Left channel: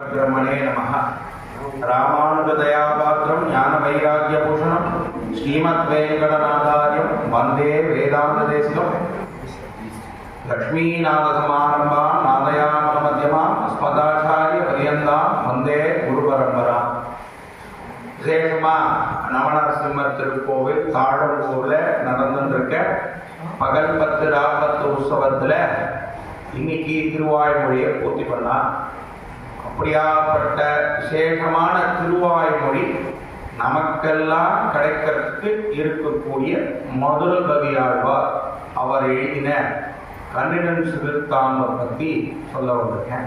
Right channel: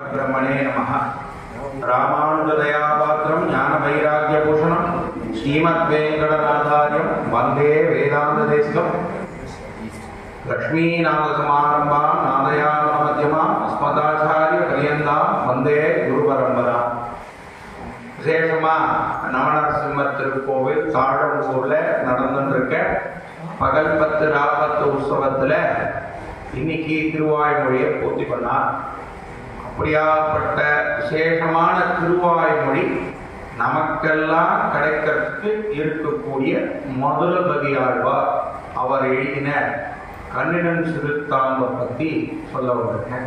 ब्रह्मणे नमः। रामानुजदयापात्रं ज्ञानवैराग्यभूषणं श्रीमद्वेङ्कटनाथार्यं वन्दे वेदान्तदेशिकं। लक्ष्मीनाथसमारम्भां नादयामुनमध्यमाम् अस्मदाचार्यपर्यन्तां वन्दे गुरुपरம்பராம். விசேஷமாக நவநரசிம்மர் திருக்கோவில் தாழம்பூரில் நடந்துருக்க பகல் 10 ராப்பத்து உற்சவத்தில் இன்னைக்கு திருவாய்மொழியை பூர்த்தி பண்ணார். அப்படியாப்பட்ட விசேஷமான திருவாய்மொழி நமக்கெல்லாம் கிடைக்கிறதுக்கு இருக்கக்கூடிய மதுர கவியாழ்வார் அவர் எழுதின கண்ணினன் சிறுத்தாம்பை பற்றி சொல்ல வந்திருக்கேன்.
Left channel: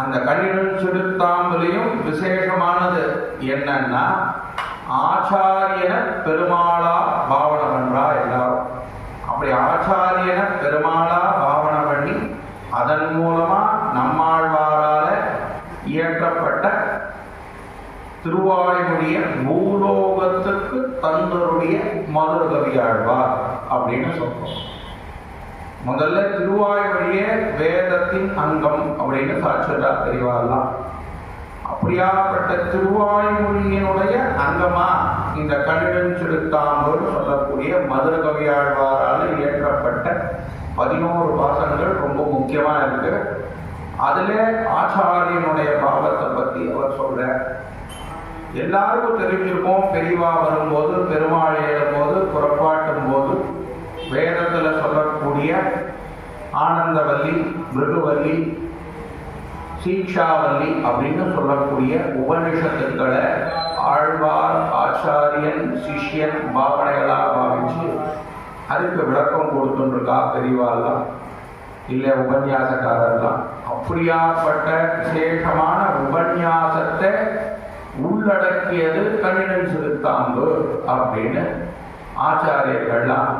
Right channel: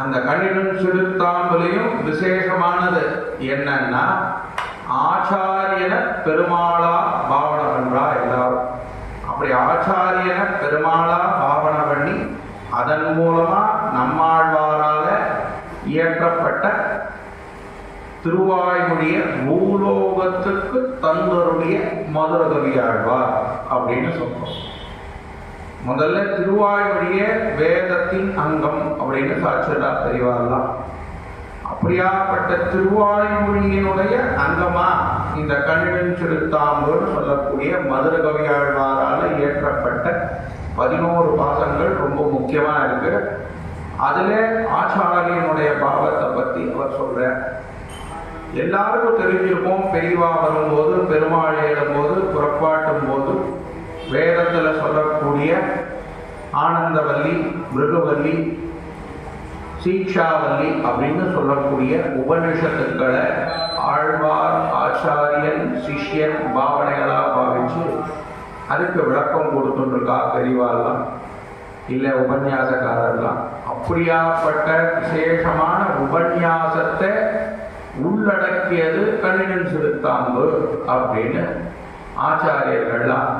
அந்த கண்ணினன் சிறுத்தாம்புலையும் விசேஷமானது என்னன்னா, ஆச்சாரியன பெருமாளா பாவனை பண்றா எல்லாரும். அப்படி ஆச்சாரியன பெருமாளா பாவனை பண்ணி அதன் மூலமா நம்மாழ்வாரால இயற்றப்பட்ட திருவாய்மொழிய பூலோகத்துக்கு தந்தருடைய மதுர கவியாழ்வார் அப்படின்னு சொல்றோம். முதல்ல திருவாய்மொழிய வேதத்தின் அங்கம் அப்படின்னு சாட்சியதா தெரியவாரலாம். அப்படியாப்பட்ட திருவாய்மொழியினுடைய அங்கமா இந்த கண்ணினன் சிறுத்தாம்புன்னு சொல்லக்கூடிய மதுர கவியாழ்வாரால் இயற்றப்பட்ட 11 பாசங்கள் ரொம்ப முக்கியமா இருக்கு. அதுல ஆச்சாரியனுடைய பாவத்தை பத்தி அவர் சொல்ற. எல்லாருக்கும் தெரிஞ்சிருப்போம், பெரியவா வரும்போது, பெருமாள் எழும்போது, புறப்பாட்டும் போது வேதத்துல சொல்லக்கூடிய ஆனந்தவல்லி, மிருகவல்லி, சீக்ஷாவல்லி அப்படின்னு சொல்லக்கூடிய உபனிஷத்துக்களை ஆழ்வார் ஆச்சாரியன் சிஷ்யன் பாவனைகளா பாவிச்சு அதுக்கு விளக்கம் கொடுத்துருக்கா பெரியவாலாம், இல்லை உபன்யாசக்காரர்லாம். அப்படியாப்பட்ட விசேஷமான உபன்யாசத்தை உள்ளடக்கியது கண்ணினன் சிறுத்தாம்பு அப்படின்னு ஆச்சாரியர்கள்லாம்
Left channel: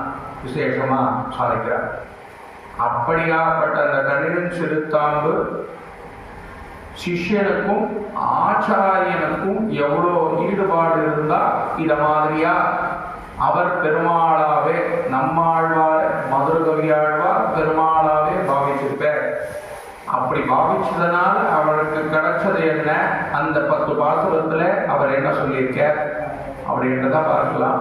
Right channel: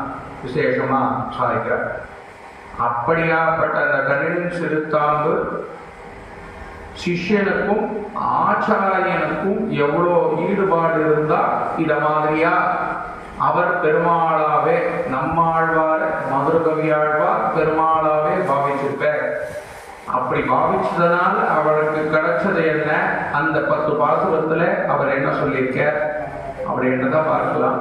விசேஷமா சாதிக்கிறார். அப்படியாப்பட்ட அந்த கண்ணினன் சிறுத்தாம்பு சிஷ்யனுக்கும் ஆச்சாரியனுக்கும் எவ்வளோ ஈடுபாடு இருந்தா இத மாதிரியா அவர் பெருமாளாவே நம்மாழ்வார் மதுர கவியாழ்வார் பெருமாளாவே பாவிச்சிருப்பார். அப்படி பாவிச்சதுனால அவருக்கு கிடைச்சது என்ன, அந்த 10 பாசுரத்துல அவர் என்ன சொல்லியிருக்கார் அப்படின்றத பார்க்கலாம்.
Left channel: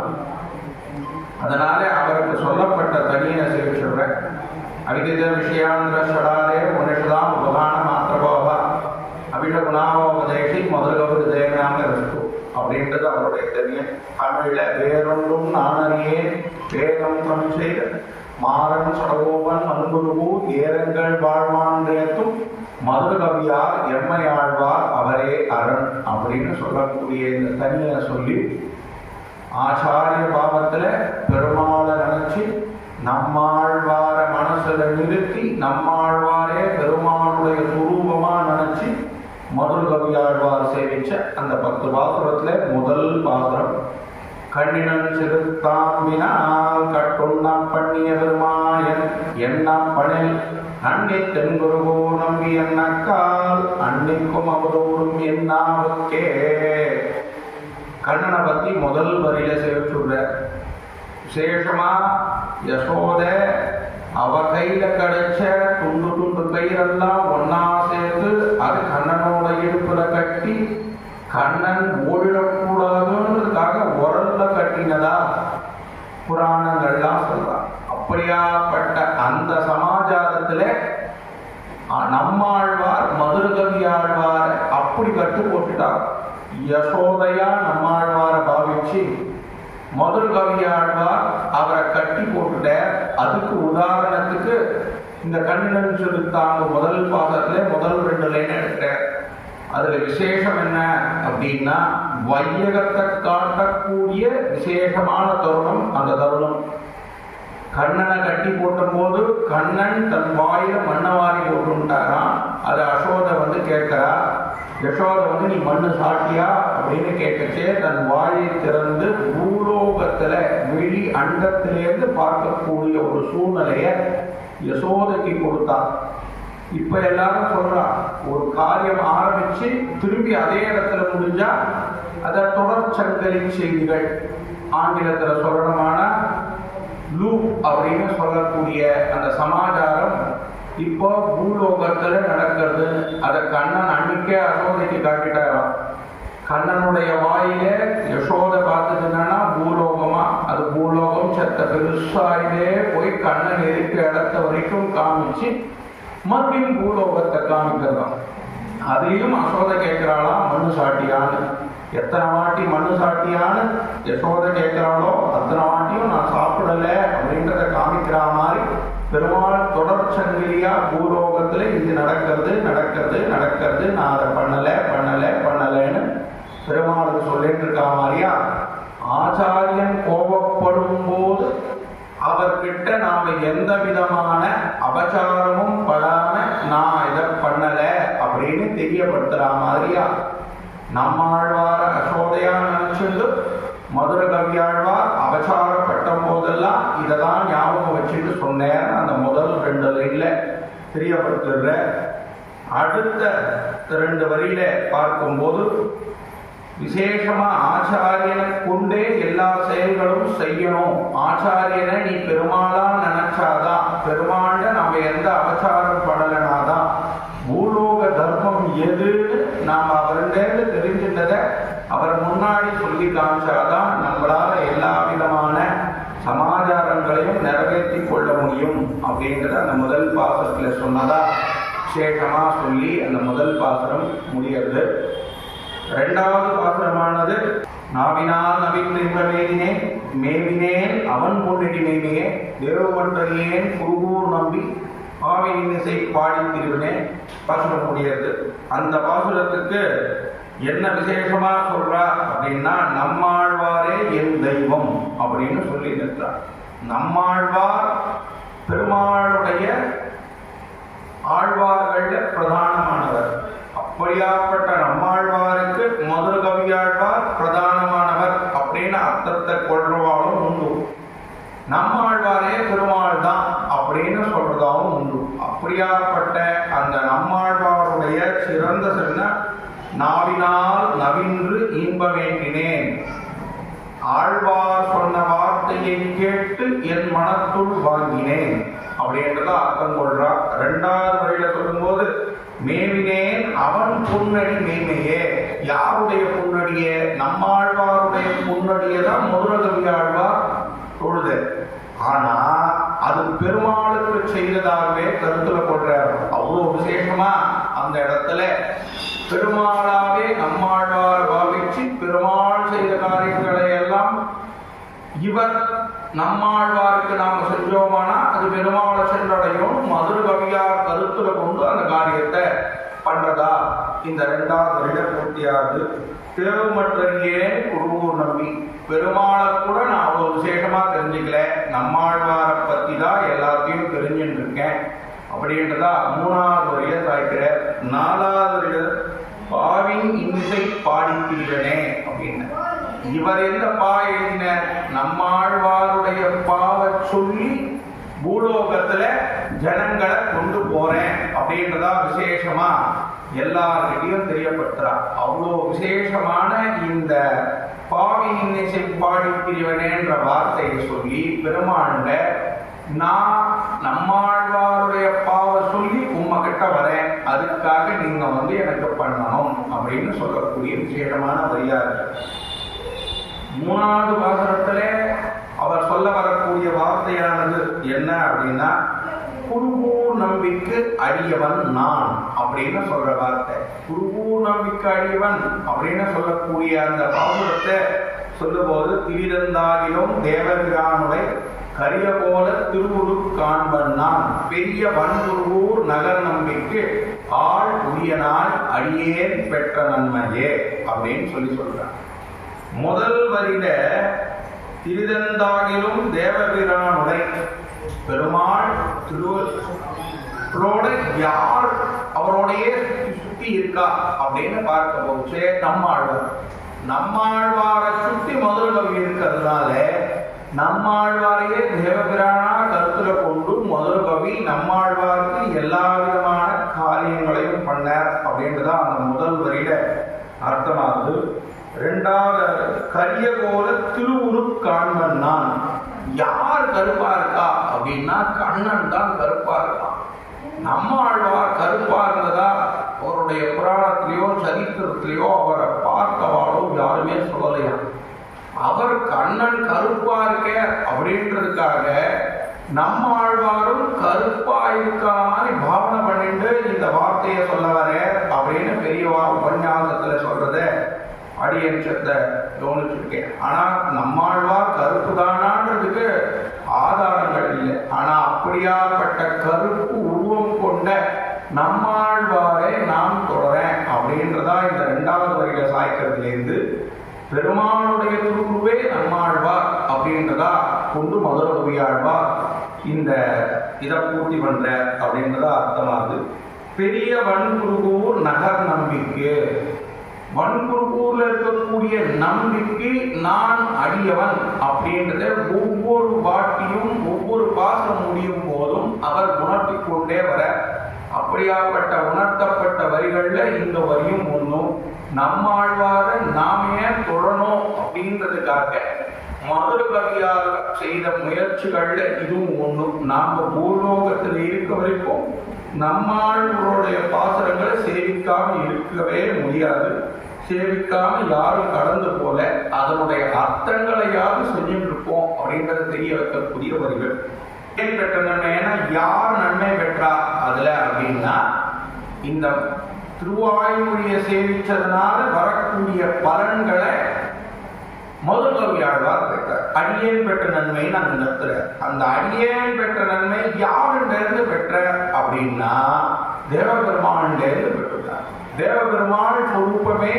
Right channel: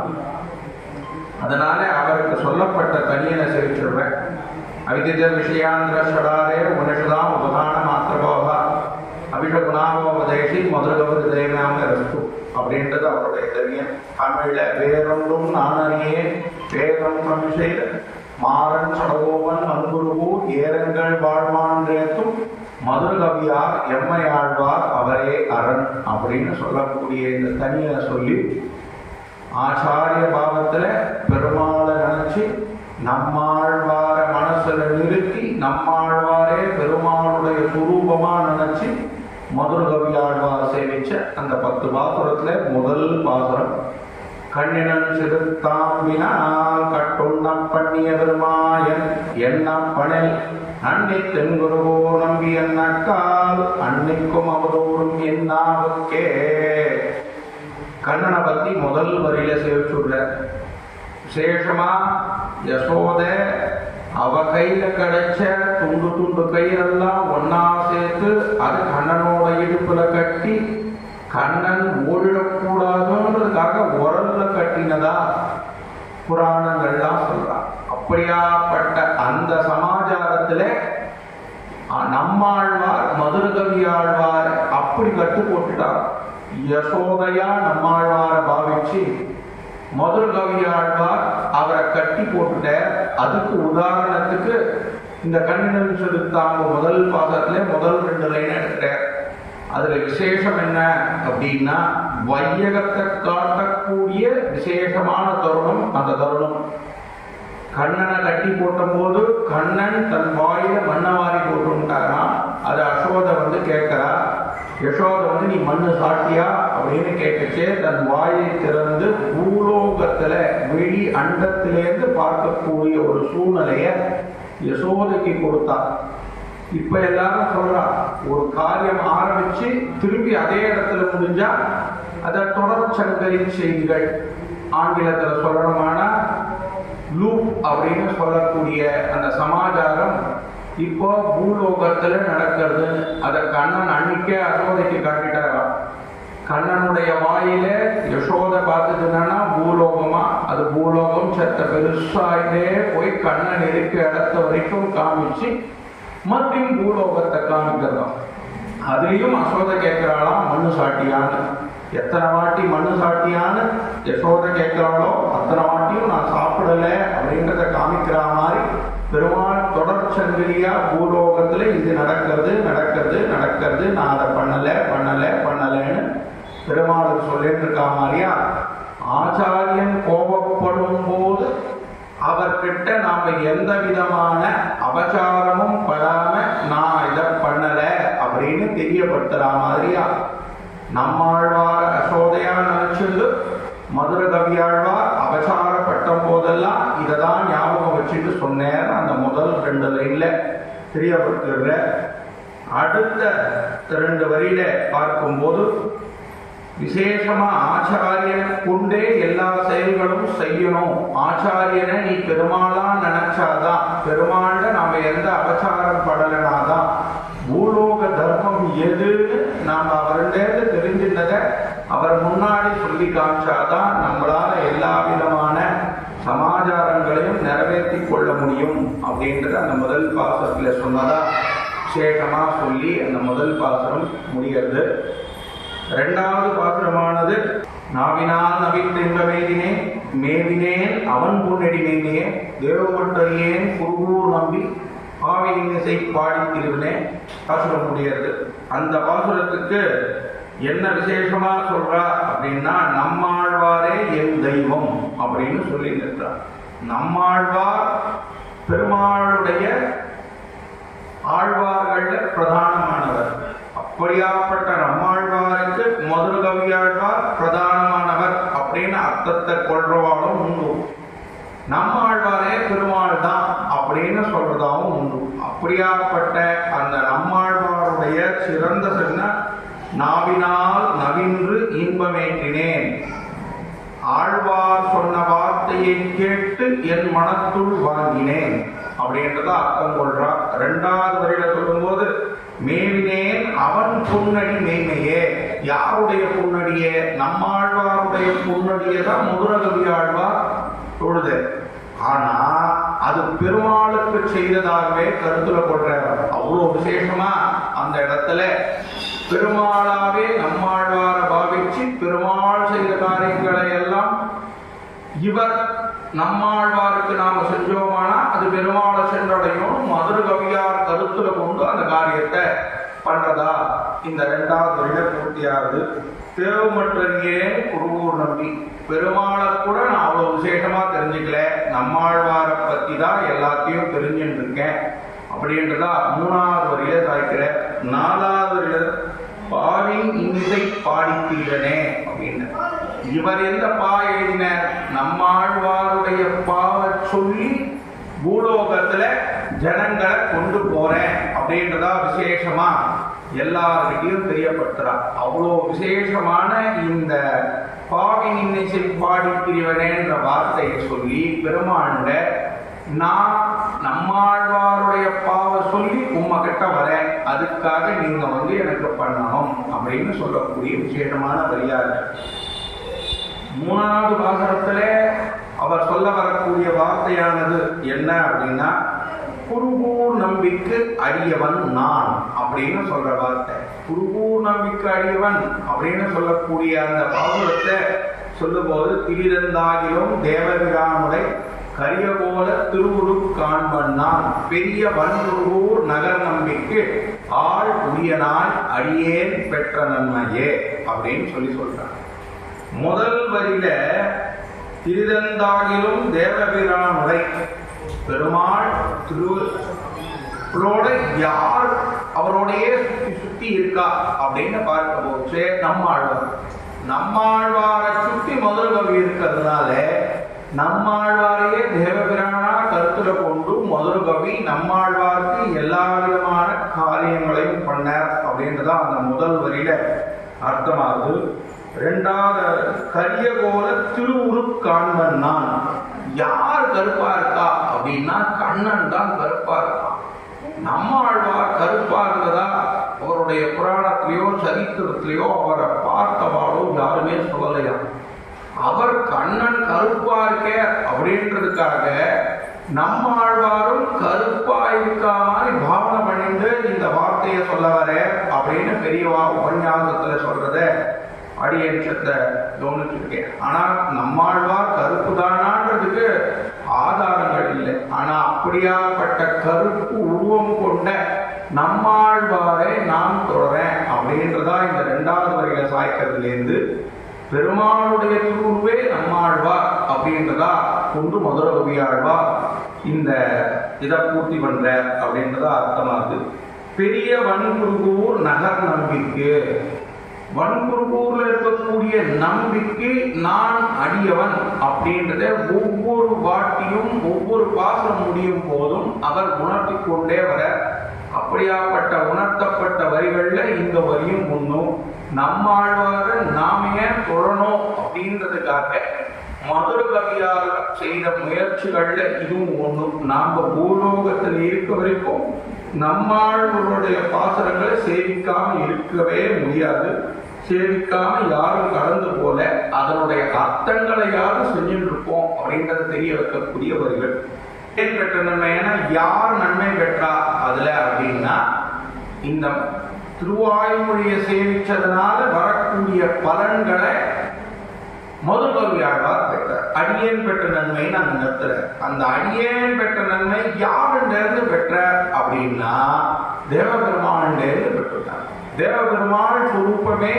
அதனால அவருக்கு சொல்லப்பட்ட தனியை சிரிச்சிடுறேன். அவிதித விஷயாந்திர ஷடாரே உபனிஷதாம் உபகான மாத்திரபாவா அபிஷகுணாவோபதேசி மதுரகவி தேவனாம ரஸ்து அப்படின்றது அவருடைய தனியன். தமிழ்ல வேறொன்றும் நானறியே வேதம் தமிழ் மாறன் சடகோவன் மண்குருவூர் ஏரங்கள் வாழ்மான்றேத்தும் மதுரகவியார் எம்மையாழ்வார் அவரே அரண் அப்படின்னு சொல்லக்கூடிய இந்த தனியை சொல்லி ஆச்சாரிய பாவத்துல பெருமாளை நினைச்சு நம்மாழ்வார மனசுல நிறுத்தி நம்மாழ்வாரே பெருமாளுடைய சுரூபமா நினைச்சு மதுர கவியாழ்வார் சேவிச்ச அந்த 10 பாசுரத்துல முதல் பாசுரம் கண்ணினன் சிறுத்தாம்பினால் கட்டுண்ணம் பண்ணிய பெருமாயன் எண்ணம் பணில் அன்னி தென்குருவோ நம்பி என்னக்கால் அன்னிக்கும் அவதோறும் என்னாவுக்கே. கண்ணனை பத்தி முதல் வரியில சேவிச்சுடுற. விசேஷமா யசோத அவ கையில கிடைச்ச துண்டு துண்டு கயிறெல்லாம் ஒன்னா சேர்த்து அது கண்ணனோட இடுப்புல கட்டி கண்ணன் ஓடிடக்கூடாதுன்றதுக்காக உரல்ல கட்டினதா புராணங்கள்லாம் சொல்றான். அப்படியாப்பட்ட அந்த சமாச்சாரத்துல நம்மாழ்வார் மதுர கவியாழ்வார் அப்படி கட்டு போட்டுட்டார். யசோதையா நம்மாழ்வார பாவிச்சு மதுர கவியாழ்வார் அவரை கட்டி போட்டுட்ட. அதுக்கு உதாரணத்துக்கு இந்த கண்ணினன் சிறுத்தாம்பு முதல் பாசத்துல முதல் 2 லைன் எடுக்கிற. அதுல விசேஷம் என்ன அப்படின்னா, வையகத்தை காட்டக்கூடிய விசேஷமான தருணம். அந்த தருணம் கண்ணனை கட்டி போட்டும் போது கண்ணன் தன் வாயில மண்ணவாரி போட்டுட்டாராம். அது யசோதை வந்து கேட்கிறா. யசோதை வந்து நீ மண்ணு சாட்டியா அப்படின்னு கேட்டுச்சே தன் வாயை திறந்து பூலோகத்துல வெளி அண்டத்திலேருந்து பார்க்கக்கூடிய ஒரு சூழ்நிலைய யசோதைக்கு கொடுத்தா. இப்ப எல்லாரும் சொல்றா, ஒரு காரியம் ஆரம்பிச்சு திரும்பி அதே இடத்துல முடிஞ்சா அத தொடர்ச்சங்கலி செய்திகள் ஆங்கிலத்துல சொல்லணுமானா லூப் அப்படின்னு சொல்லக்கூடிய அந்த சமாச்சாரம் இப்போ பூலோகத்துல நடக்கிறது. அதை கண்ணன் அன்னைக்கே யசோதைக்கு காட்டிட்டாராம். கண்ணனுடைய வாயில யசோதை பார்த்ததுன்னா பூலோகமா, அது பூலோகம் செத்த பெருசாயிட்டே போய் கண்ணன் இருக்க இடத்த வரைக்கும் காமிச்சு மறுபடியும் பூலோகத்தை காமிக்கிறதாம். அதுலயும் யசோதை கேட்கிறாளாம் மண்ணு சாட்டியான்னு. எத்தனை வாட்டி மண்ணு சாட்டியான்னு யசோதை கேட்கிறாளோ அத்தனை வாட்டியும் நான் சாப்பிடல அப்படின்றத காமிக்கிற மாதிரி பெருமாள் தொடர் சங்கிலியா பூலோகத்துல இது நடக்கிறது நடக்கிறது நடக்கிறது, நான் அதை பண்ணல பண்ணல பண்ணலன்னு பெருமாளுக்கு சொல்லிட்டு இருக்கா மாதிரியா. ஆச்சாரியன் கோபப்படும் போது அவர்கிட்ட நாம எந்த விதமான அபச்சாரமும் படாம நான் இதை பண்ணல அப்படின்னு தெரியப்படுத்துற மாதிரியா. நம்மாழ்வார யசோதையா நினைச்சுண்டு மதுர கவியாழ்வார் அபச்சாரப்பட்ட போதெல்லாம் இதை தான் ஞாபகம் வச்சுட்டு சொன்னேன்னு அந்த முதல் 2 லைன்ல தெரியப்படுத்துற. அடுத்த 2 வரியில பார்க்கும்போது விசேஷமா ஆச்சாரியனை கொண்டே எல்லா செயல்களும் செய்யணும். ஆச்சாரியனை நீ பெருமாளா நினைச்சாதான், பெருமாண்ட நாம எந்த அபச்சாரம் படலனாதான், பூலோக தர்மம் எதுன்னு நாம அவர்கிட்ட தெரிஞ்சின்றதை அவர் முன்னாடி சொல்லி காமிச்சாதான் நம்மளால எல்லா விதமான சமாச்சாரங்களையும் நிறைவேற்றி கொள்ள முடியும் அப்படின்றத அந்த முதல் பாசத்துல சொன்னதா விசேஷமா சொல்லி அந்த முதல் பாசனம் முடிகிறது. 2வது பாசுரமானது நாவினால் நவிந்தின்ப மேவினேன் மேவினேன் அவன் பொன்னடி மேமையே தேவமன்றறியேன் குருகூர் நம்பி பாவினிசை பாடி திருவினே பாசுரம் முடியாது. அந்த பாசுரத்துக்கு என்ன விசேஷமா சொல்றா அப்படின்னா, நம்மாழ்வாரே என் தெய்வம் அப்படின்னு சொல்லி நிற்கிறார். நம்மாழ்வார் பெருமாளுடைய ஆழ்வார்கள்ல பிரதானமானவர். அப்படியாப்பட்ட நம்மாழ்வாருக்கு மதுர கவியாழ்வார் பிரதானமானவர் அப்படின்னு அர்த்தத்தை கொள்றவாலும் உண்டு. நம்மாழ்வாரே பெருமாள் தான் அப்படின்னு சொல்றதாவும் உண்டு. அப்படியாப்பட்ட அந்த நம்மாழ்வாருடைய சிறந்த சொன்ன நாவினால் நவின்று இன்பமேற்றினேன், ஆழ்வார் சொன்ன வார்த்தையை கேட்டு என் மனத்துள் வாங்கினேன் அப்படின்றத அர்த்தம் கொள்றா. 2வது வரியில சொல்லும்போது மேவினேன் அவன் புன்னடி மேன்மையே, யாருடைய புன்னடியே? நம்மாழ்வாருடைய புன்னடியை தான் மதுர கவியாழ்வார் தொழுது. ஆனா அது பெருமாளுக்கு செய்ததாகவே கருத்துல கொள்றார். அவ்வளோ விசேஷமா அந்த இடத்துல பெருமாளாவே நம்மாழ்வார பாவிச்சு பெருமாள் செய்த காரியங்களை எல்லாம் இவர் நம்மாழ்வாருக்கு நாம செஞ்சோமானா அது பெருமாளை சென்றடையும் மதுர கவியார் கருத்துல கொண்டு அந்த காரியத்தை பண்றதா இந்த 2வது வரியில பூர்த்தியாகுது. தேவமற்றறியே குருகூர் நம்பி, பெருமாளை கூட நான் அவ்வளவு விசேஷமா தெரிஞ்சுக்கல, நம்மாழ்வாரை பத்தி தான் எல்லாத்தையும் தெரிஞ்சுட்டு இருக்கேன் அப்படின்றதா 3வது வரியில சாய்க்கிற. 4வது வரியில பாவின் இன்னிசை பாடிக்கிறனே அப்படின்னு இவர் எந்த பா எழுதினார்? நம்மாழ்வாருடைய பாவை சொல்லி பூலோகத்துல ஜனங்களை கொண்டு போறேன் அப்படின்றதா விசேஷமா எல்லார்கிட்டையும் தெரியப்படுத்துறான். அவ்வளோ விசேஷமான இந்த பாவின் இன்னிசை பாடிக்கிறவனேன்ற வார்த்தையை சொல்லி பெருமாண்ட நான் நம்மாழ்வாருடைய பாவை சொல்லி உம்மை கிட்ட வரேன், அதுக்காக நீங்க எனக்கு பண்ணணும் அப்படின்னு சொல்லக்கூடிய விசேஷமான வரியா இருக்கு. 3வது பாசுரத்துல அவர் சொல்ல வரக்கூடிய வார்த்தையானது என்ன அப்படின்னா, குருகூர் நம்பிக்கு அடியவன் நான் அப்படின்னு சொல்ற வார்த்தை. குருகூர் நம்பிக்கு அடியவன் அப்படின்னு சொல்லக்கூடிய அந்த பாசுரத்தை சொல்லும்போது திரிதந்தாகிலும் தேவபிரானுடைய கரிய போல திருவுரு காண்பன் நான் பெரிய வன்குருகூர் நகர் நம்பிக்கு ஆள் உரியனாய் அடியேன் பெற்ற நன்மையே அப்படின்னு சொல்றான். முதல் வரியில திரிதந்தாகிலும் தேவபிரானுடைய பெருமாள் திருவோட யார் அவரோடையே சுத்தி இருக்கா அப்படின்னு பார்க்கும்போது நம்மாழ்வாரை சுத்தி மதுர கவி இருக்கிறதுனால நம்மாழ்வாரையே தேவபிரானா கருத்துல கொண்டு மதுர கவி நம்மாழ்வாருக்கு எல்லா விதமான காரியங்களையும் பண்ணார் அப்படின்றதான் அந்த முதல் வரியில அர்த்தமாகுது. 2வது கரிய போல திருவுரு காண்பன் நான், யார் கருப்பா இருக்கா அப்படின்னா கண்ணன் தான் கருப்பா இருக்கான். நம்மாழ்வார் கருப்பா இருந்ததா அவருடைய புராணத்திலேயோ சரித்திரத்திலேயோ அவரை பார்த்தவாளோ யாருமே சொல்லலையா. அவர் கண்ணன் கருப்பா இருக்க அப்படின்றதுக்காக நம்மாழ்வாரும் கருப்பா இருக்கா மாதிரி பாவனை பண்ணிட்டு இந்த வார்த்தையை சொல்ல வர அப்படின்னு பெரியவா உபன்யாசத்துல சொல்றத அடியேற்றத்தை கவனிச்சிருக்கேன். ஆனா நம்மாழ்வார் கருப்பு தானான்றதுக்கு ஆதாரங்கள் இல்லை. ஆனா அப்படியாப்பட்ட கருப்பு உருவம் கொண்ட நம்மாழ்வாரை நான் தொடரேன் அப்படின்றதா இந்த 2வது வரியில சாய்க்கிறதுலேருந்து பெருமாளுடைய திருவுருவே நம்மாழ்வார் அப்படின்றதா கொண்டு மதுர கவியாழ்வார் இந்த இதை பூர்த்தி பண்ற அப்படின்றதா அர்த்தமாகுது. பெரிய வன்குருகூர் நகர் நம்பிக்கை, வன்குருகூர்ல இருக்கக்கூடிய நம்பிக்கை நான் அடியவன் அப்படின்றத ஒவ்வொரு வாட்டியும் ஒவ்வொரு பாசம் முடியும் போதும் அவர் உணர்த்தி கொண்டே வர, அப்படியாப்பட்ட உணர்த்தப்பட்ட வரிகள்ல இந்த வரியும் ஒன்றும். நம்மாழ்வார நாமே தொழணும் அப்படின்றதுக்காக மதுர கவியார் செய்த முயற்சிகள்ல இதுவும் ஒன்றும். நாம பூலோகத்தில் இருக்க வரைக்கும் நம்மாழ்வாருடைய பாசரங்களை சேவிக்காம இருக்கவே முடியாது. சேவிக்காம யாரும் கடந்து போல அதனுடைய அர்த்தங்களை யாரும் செஞ்சுட்டு இருப்போம் அப்படின்றத தெரிய வைக்கக்கூடிய வரிகள். ஏன் பெற்ற நன்மைனா யார் நன்மை பெற்றா அதுல அப்படின்னா இந்த திருவாய்மொழியை சேவிச்சதுனால வரக்கூடிய பலன்களை மதுரகவியாழ்வார் பெற்றார். அடியேன் பெற்ற நன்மைன்னு அந்த நிறுத்துற. அந்த அடியேன் பெற்ற நன்மை யாருன்னு பெற்ற அப்படின்னா தேவபெருமானிலிருந்து பெற்றுள்ளார். தேவபெருமாள் சொரூபமே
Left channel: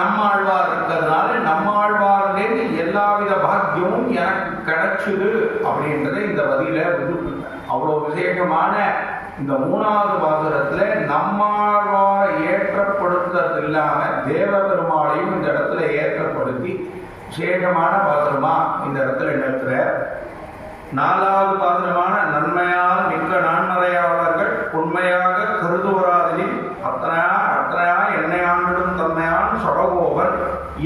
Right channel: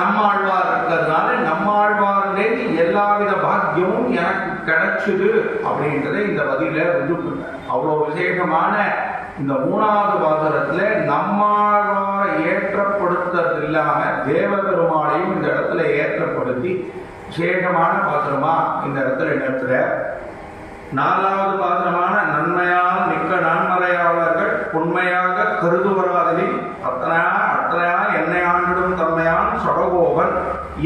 நம்மாழ்வார் இருக்கிறதுனால நம்மாழ்வார்லேருந்து எல்லாவித பாக்கியமும் எனக்கு கிடைச்சுது அப்படின்றத இந்த வதியில விரும்புங்க. அவ்வளோ விசேஷமான இந்த 3வது பாசுரத்துல நம்மாழ்வாரை ஏற்றப்படுத்துறது இல்லாம தேவபெருமாளையும் இந்த இடத்துல ஏற்றப்படுத்தி விசேஷமான பாசுரமா இந்த இடத்துல நிறுத்துற. 4வது பாசுரமான நன்மையால் மிக்க நான்மறையாளர்கள் உண்மையாக கருதுவராதில் அத்தனையா என்னை ஆண்டிடும் தன்மையான் சடகோபன்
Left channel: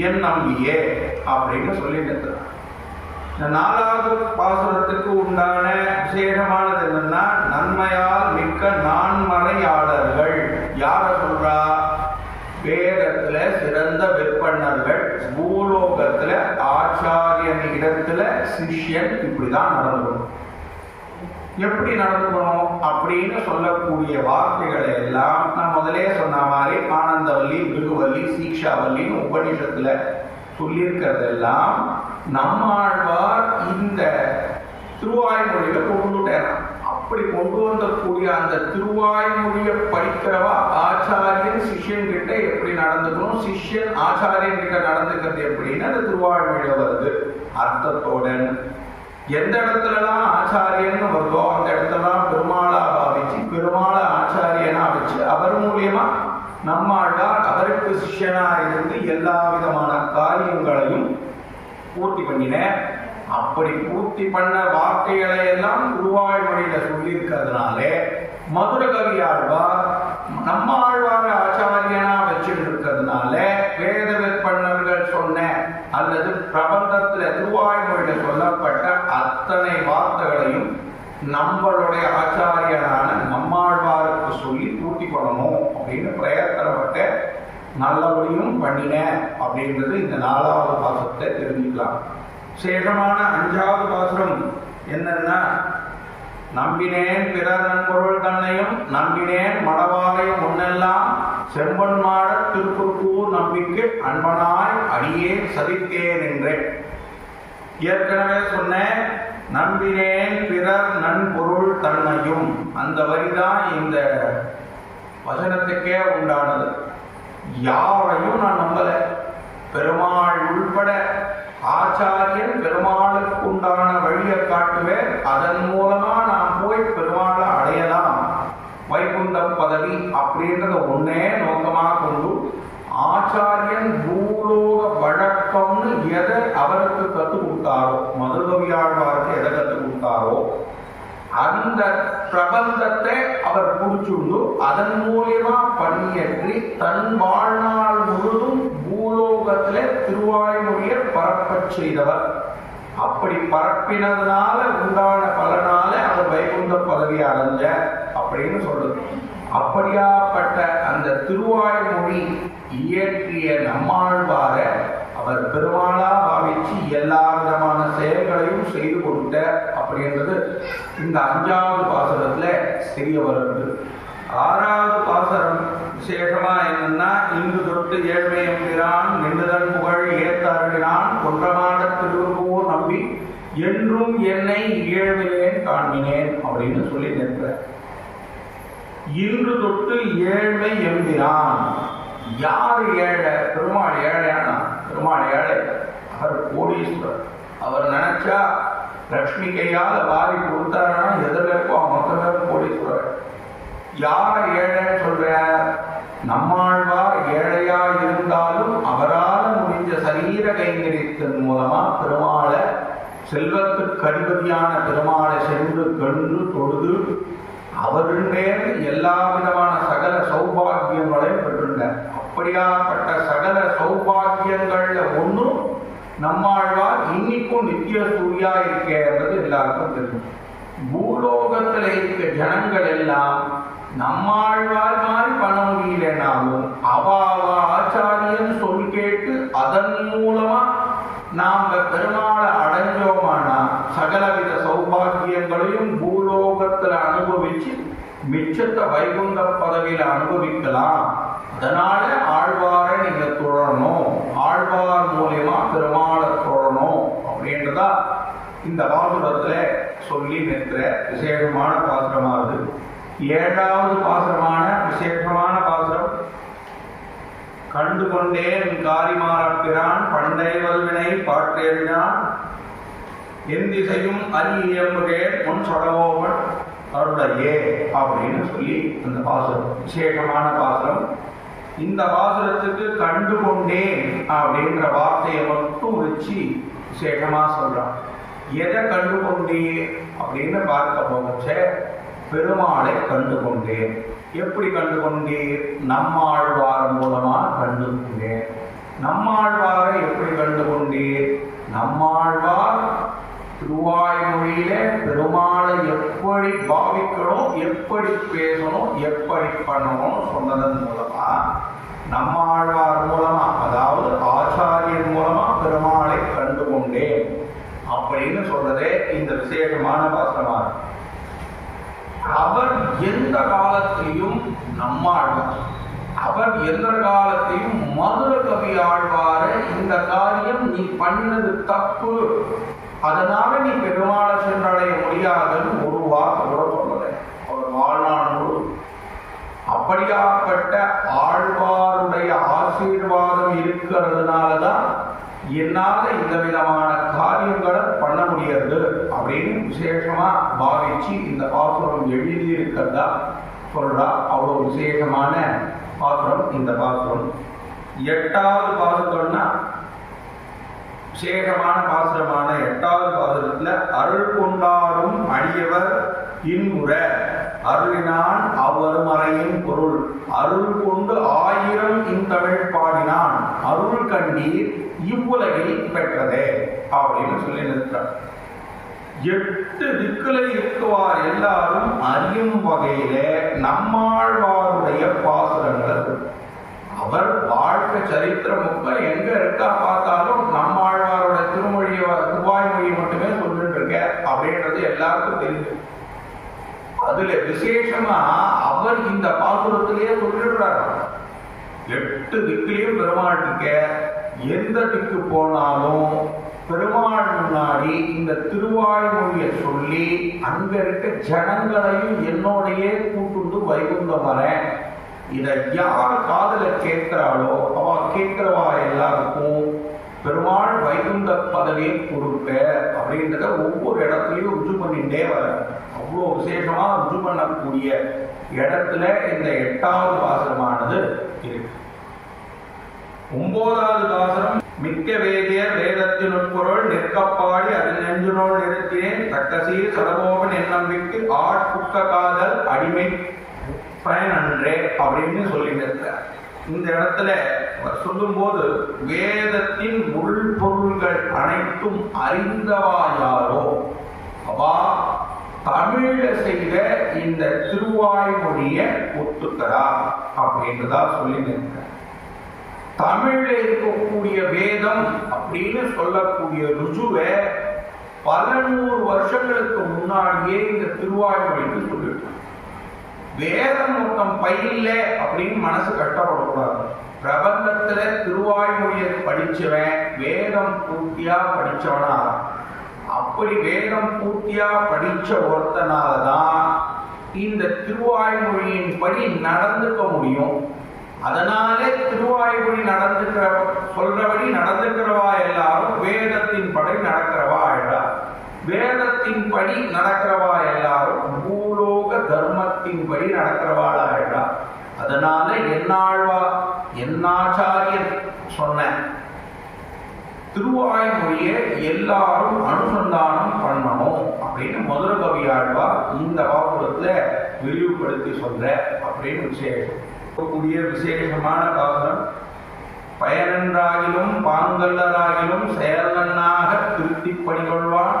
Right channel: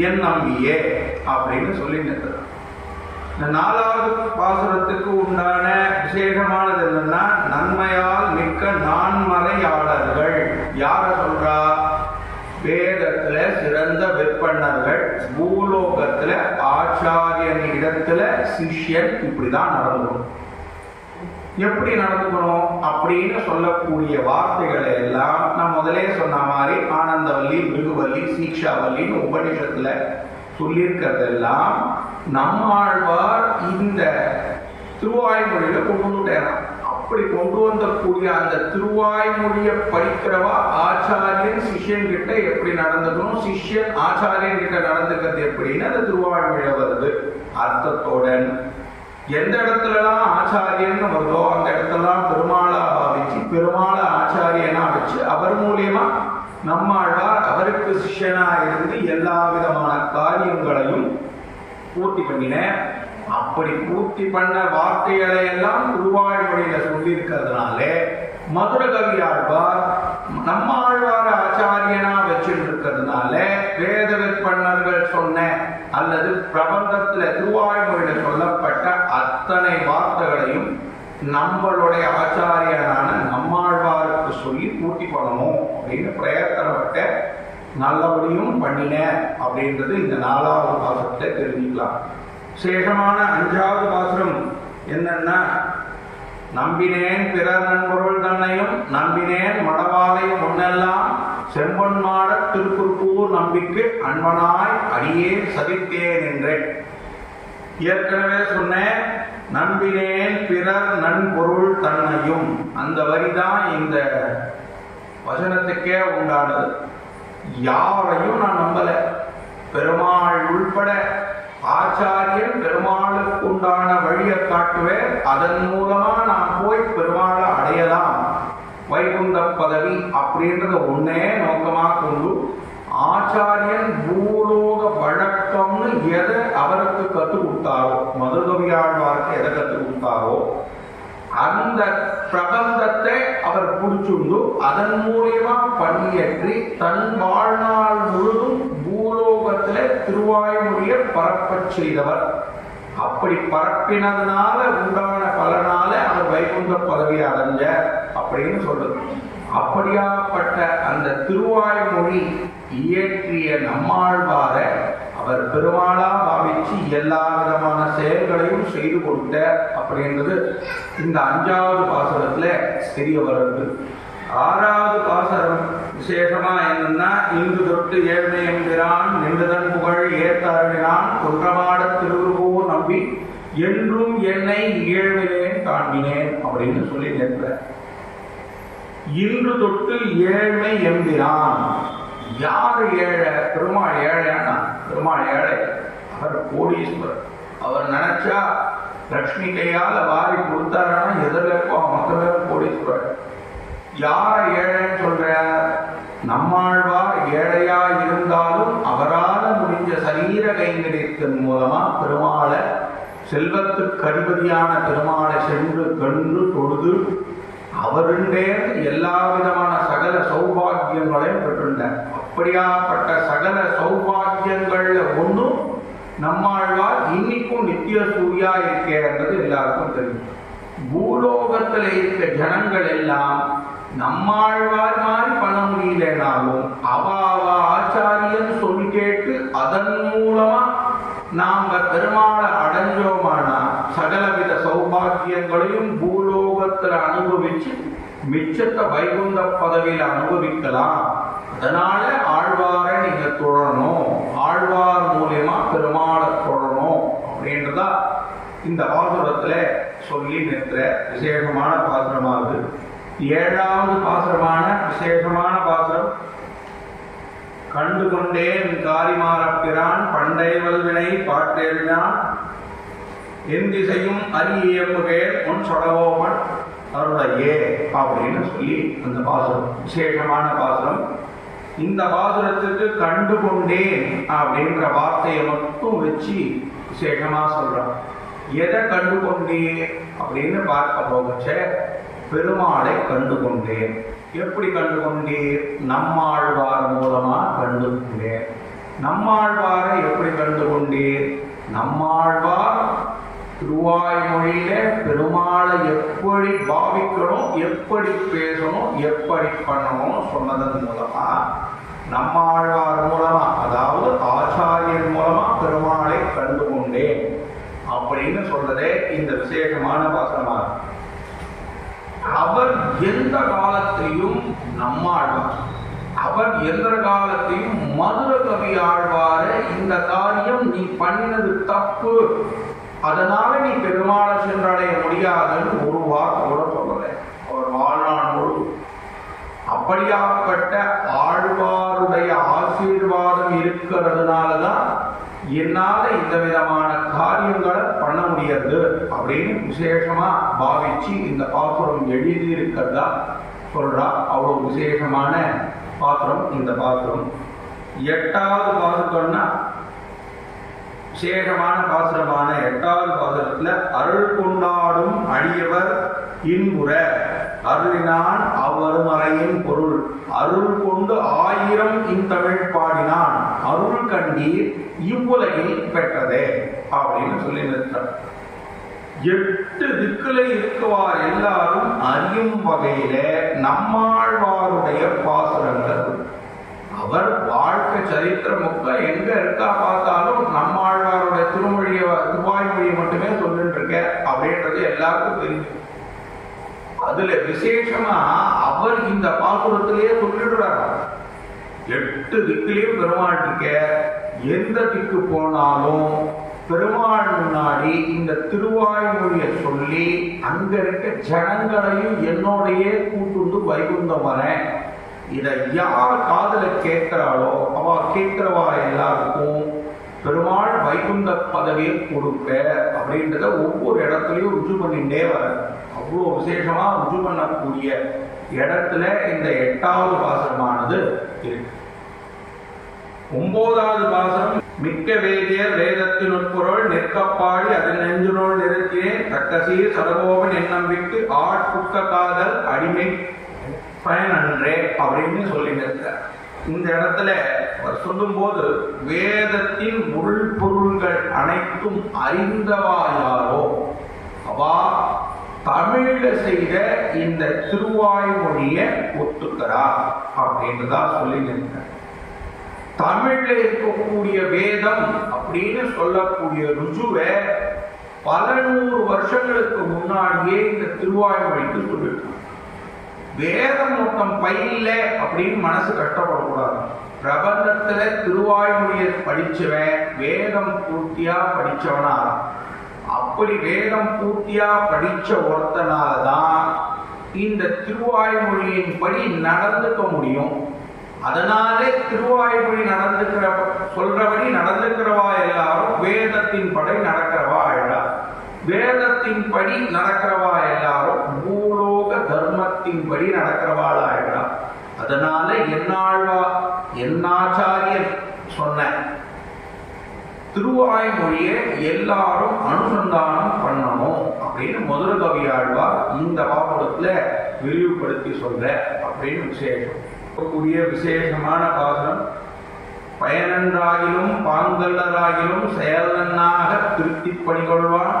என் நம்பியே அப்படின்னு சொல்லி நிறுத்துறார். இந்த 4வது பாசுரத்துக்கு உண்டான விசேஷமானது என்னன்னா நன்மையால் மிக்க நான்மறையாளர்கள். யார சொல்றா? வேதத்துல சிறந்த விற்பனர்கள், பூலோகத்துல ஆச்சாரியன் இடத்துல சிஷ்யன் இப்படிதான் நடந்துக்கணும். எப்படி நடந்துக்கணும் அப்படின்னு சொல்லக்கூடிய வார்த்தைகளை எல்லாம் நான் முதலே சொன்ன மாதிரி ஆனந்தவல்லி, பிருகுவல்லி, சீக்ஷாவல்லின்னு உபநிஷத்துல சொல்லியிருக்கிறதெல்லாம் நம்மாழ்வார் இந்த திருவாய்மொழியில கொண்டு வந்துட்டாராம். அப்படி கொண்டு வந்தக்கூடிய அந்த திருவாய்மொழியை படிக்கிறவா ஆச்சாரியன் சிஷ்யன் கிட்ட எப்படி நடந்துக்கணும், சிஷ்யன் ஆச்சாரியன் கிட்ட நடந்துக்கிறது எப்படின்னு அந்த திருவாய்மொழியில வருது அர்த்தத்தோட. எந்த இடத்துலலாம் ஆச்சாரியன் வருதோ அந்த இடத்துலலாம் பெருமாளா பாவிச்சு பெருமாளை ஆச்சாரியனா வச்சு அவர் மூலியமா நம்மாழ்வார் அவருக்கு சிஷ்யனா இருந்து எல்லா விதமான காரியங்களையும் பூர்த்தி பண்ணின. அப்படி பூர்த்தி பண்ண வார்த்தைகளை எல்லாம் திருவாய்மொழியில சொல்லியிருக்கிறதுனால மதுர கவியாழ்வார் நம்மாழ்வார ஆச்சாரியனா வச்சுட்டு இருக்கிறதுனால வேத விற்பனர்கள் சொன்ன அல்லது பிரபந்தத்துல திருவாய்மொழியில சொல்லப்பட்ட அத்தனை வார்த்தைகளையும் நம்மளுடைய ஆச்சாரியனான நம்மாழ்வாருக்கு சொல்லி பூர்த்தி பண்ணணும் அப்படின்னு பிரயத்தனப்பட்ட நல்லபடியும் பண்ணின அப்படின்றது இந்த 4வது பாசுரத்தை தெரிஞ்சுக்கலாம். சேஷமான 5வது பாசுரம் என்னன்னா நம்பினேன் பிறர் நண்பொருள் தன்னையும் நம்பினேன் மடவாளையும் முன்னெல்லாம் செம்பன்மாட திருக்குறுப்பூர் நம்பிக்கை அன்பனாய் அடியே சதித்தேன் என்றேன். ஏற்கனவே சொன்னேன் நம்பினேன் பிறர் நண்பொருள் தன்னையும், அந்த வரிதான் இந்த வசனத்துக்கே உண்டானது. யாரையும் நான் நம்பல, பெருமாள் உள்பட ஆச்சாரியன் பெருமாளுக்கு உண்டான வழியை காட்டுவேன், அதன் மூலமா நான் போய் பெருமாளை அடையலாம், வைகுந்த பதவி அப்படின்றத ஒன்னே நோக்கமா கொண்டு ஆச்சாரியன் பூலோக வழக்கம்னு எதை அவருக்கு கற்றுக் கொடுத்தாரோ, மதுரகவியாழ்வாருக்கு எதை கற்றுக் கொடுத்தாரோ அந்த பிரபந்தத்தை அவர் புடிச்சுண்டு அதன் மூலியமா பணியேற்றி தன் வாழ்நாள் முழுதும் பூலோகத்திலே திருவாய்மொழியை பரப்பச் செய்தவர். அப்படி பரப்பினதுனால உண்டான பலனால அவர் வைகுந்த பதவி அடைஞ்ச அப்படின்னு சொல்றது. அப்படியாப்பட்ட அந்த திருவாய்மொழி இயற்றிய நம்மாழ்வார அவர் பெருமாளா பாவிச்சு எல்லா விதமான செயல்களையும் செய்து கொடுத்த அப்படின்றது இந்த 5வது பாசுரத்துல தெரிய வருது. 6வது பாசுரம் விசேஷமா என்னன்னா, இங்கு தொட்டு ஏழ்மை என்கிறான் நின்றுதன் புகழ் ஏத்த அருளினான் கொன்றமாட திருவுருவோர் நம்பி என்றும் என்னை ஏழ்மையிலேன் காண்பினேன் அப்படின்னு சொல்லி நிற்ப. இன்று தொட்டு ஏழ்மை என்கிறான். யார் ஏழை? பெருமாள் ஏழையானா? பெருமாள் ஏழை, அவர் கோடீஸ்வரர். அவர் நினைச்சா லக்ஷ்மி கையால் வாரி கொடுத்தாருன்னா எதில் இருக்கும் மொத்தமே கோடீஸ்வரர். யாரை ஏழைன்னு சொல்ற? நம்மாழ்வார் ஏழையா இருந்தாலும் அவரால் முடிஞ்ச சரீர கைங்கரியத்தின் மூலமா பெருமாளை, செல்வத்துக்கு அதிபதியான பெருமாளை சென்று கண்டு தொழுது அவருண்டே எல்லா விதமான சகல சௌபாகியங்களையும் பெற்றுள்ளார். அப்படியாப்பட்ட சகல சௌபாகியங்கள்ல ஒன்றும் நம்மாழ்வார் இன்னைக்கும் நித்திய சூரியா இருக்கிறது எல்லாருக்கும் தெரியும். பூலோகத்தில் இருக்க ஜனங்கள் எல்லாம் நம்மாழ்வார் மாதிரி பண்ண முடியலனாலும் அவாவ ஆச்சாரியன் சொல் கேட்டு அதன் மூலமா நாம பெருமாளை அடைஞ்சோமானா சகலவித சௌபாகியங்களையும் பூலோகத்தில் அனுபவிச்சு மிச்சத்தை வைகுந்த பதவியில் அனுபவிக்கலாம். அதனால ஆழ்வாரை நீங்க தொழணும், ஆழ்வார் மூலியமா பெருமாளை தொழணும் அப்படின்றதா இந்த பாசுரத்துல சொல்லி நிற்கிற விசேஷமான பாசுரமாகுது. 7வது பாசுரமான விசேஷமான பாசுரம். கண்டு கொண்டேன் காரிமாறப்பிரான் பண்டை வல்வினை பாற்றேறினான் என் திசையும் அரியம்புகேன் முன் சொடவோமன் அருளையே அப்படின்னு சொல்லி அந்த பாசுரம் விசேஷமான பாசுரம். இந்த பாசுரத்துக்கு கண்டு கொண்டேன் அப்படின்ற வார்த்தையை மட்டும் வச்சு விசேஷமா சொல்றான். எதை கண்டு கொண்டே அப்படின்னு பார்க்க போகச்ச பெருமாளை கண்டு கொண்டேன். எப்படி கண்டு கொண்டீர்? நம்மாழ்வார் மூலமா கண்டு கொண்டேன். நம்மாழ்வாரை எப்படி கண்டு கொண்டீர்? நம்மாழ்வார் திருவாய்மொழியில பெருமாளை எப்படி பாவிக்கணும், எப்படி பேசணும், எப்படி பண்ணணும் சொன்னதன் மூலமா, நம்மாழ்வார் மூலமா அதாவது ஆச்சாரியன் மூலமா பெருமாளை கண்டு கொண்டேன் அப்படின்னு சொல்றதே இந்த விசேஷமான பாசமா. அவர் எந்த காலத்திலையும் நம்மாழ்வார், அவர் எந்த காலத்தையும் மதுர கவி ஆழ்வார இந்த காரியம் நீ பண்ணினது தப்பு, அதனால நீ பெருமாளை சென்றடைய முடியாதுன்னு ஒரு வார்த்தை கூட சொல்லலை அவர் வாழ்நாள் முழு. அப்படியாப்பட்ட ஆழ்வாருடைய ஆசீர்வாதம் இருக்கிறதுனாலதான் என்னால இந்த விதமான காரியங்களை பண்ண முடியாது அப்படின்னு விசேஷமா பாவிச்சு இந்த பாசுரம் எழுதி இருக்கிறதா சொல்றா. அவ்வளவு விசேஷமான பாசுரம் இந்த பாசுரம். 8வது பாசுரம்னா விசேஷமான பாசுரமான 8வது பாசுரத்துல அருள் கொண்டாடும் அடியவர் இன்புற அருளினான் அவ்வருமறையின் பொருள் அருள் கொண்டு 1000 இந்தமிழ் பாடினான் அருள் கண்டீர் இவ்வுலகில் பெற்றதே அப்படின்னு சொல்லி நிறுத்தார். 8 திக்குல இருக்குவார் எல்லாரும் அறியும் வகையில நம்மாழ்வாருடைய பாசுரங்கள். அவர் வாழ்க்கை சரித்திரம் எங்க இருக்கா பார்த்தாலும் நம்மாழ்வாருடைய திருவாய்மொழியை மட்டுமே சொல்லிட்டு இருக்க அப்படின்றது எல்லாருக்கும் தெரியும். அதுல விசேஷமா அவர் இந்த பாசுரத்திலேயே சொல்லிடுறாரு. 8 திக்குலையும் பெருமாள் இருக்க, எந்த திக்கு போனாலும் பெருமாள் முன்னாடி இந்த திருவாய்மொழியை சொல்லி அங்க இருக்க ஜனங்களையும் என்னோடையே கூட்டுண்டு வைகுந்தம் வரேன். இதை யார் காதல கேட்கிறாளோ அவ கேட்கிறவா எல்லாருக்கும் பெருமாள் வைகுந்த பதவியை கொடுப்ப அப்படின்றத ஒவ்வொரு இடத்துலையும் ருஜு பண்ணிட்டே வர. அவ்வளோ விசேஷமா ருஜு பண்ணக்கூடிய இடத்துல இந்த 8வது பாசுரமானது இருக்கு. 9வது பாசுரம் மிக்க வேதியர் வேதத்தின் உட்பொருள் நிற்கப்பாடி அதில் நெஞ்சுனோள் நிறுத்தினேன் தக்கசீர் சடகோபன் எண்ணம் விட்டு ஆட்புக்க காதல் அடிமை பயனன்றே அப்படின்னு சொல்லி நிறுத்தார். இந்த இடத்துல அவர் சொல்லும் போது வேதத்தின் உள்பொருள்கள் அனைத்தும் அறிந்தவா யாரோ அவா தமிழ்ல செய்த இந்த திருவாய்மொழியை ஒத்துக்கிறா அப்படின்றதான் சொல்லி நிற்கிறேன். தமிழ்ல இருக்கக்கூடிய வேதம் அப்படின்னு சொல்லக்கூடிய ருஜுவை பல 100 வருஷங்களுக்கு முன்னாடியே இந்த திருவாய்மொழிக்கு சொல்லிட்டு வேதம் மொத்தம் பயில அப்படின்னு மனசு கஷ்டப்படக்கூடாது. பிரபந்தத்துல திருவாய்மொழியை படிச்சவன் வேதம் பூர்த்தியா படிச்சவனா, அப்படி வேதம் பூர்த்தியா படிச்ச ஒருத்தனாலதான் இந்த திருவாய்மொழியின் படி நடந்துக்க முடியும். அதனாலே திருவாய்மொழி சொல்றபடி நடந்துக்கிறவா எல்லாரும் வேதத்தின் படி நடக்கிறவா ஆயிடா. வேதத்தின் படி நடக்கிறவா எல்லாரும் பூலோக தர்மத்தின் படி நடக்கிறவாள் ஆயிடா. அதனால என்னாச்சாரியர் சொன்ன திருவாய்மொழியை எல்லாரும் அனுசந்தானம் பண்ணணும் அப்படின்னு மதுர கவியாழ்வார் இந்த பாசுரத்துல விரிவுபடுத்தி சொல்ற அப்படின்னு விசேஷமான பாசுரம். பயனன்றாகிலும் பாங்கல்லராகிலும் செயலன்னாக திருத்தி பணிகொள்வான்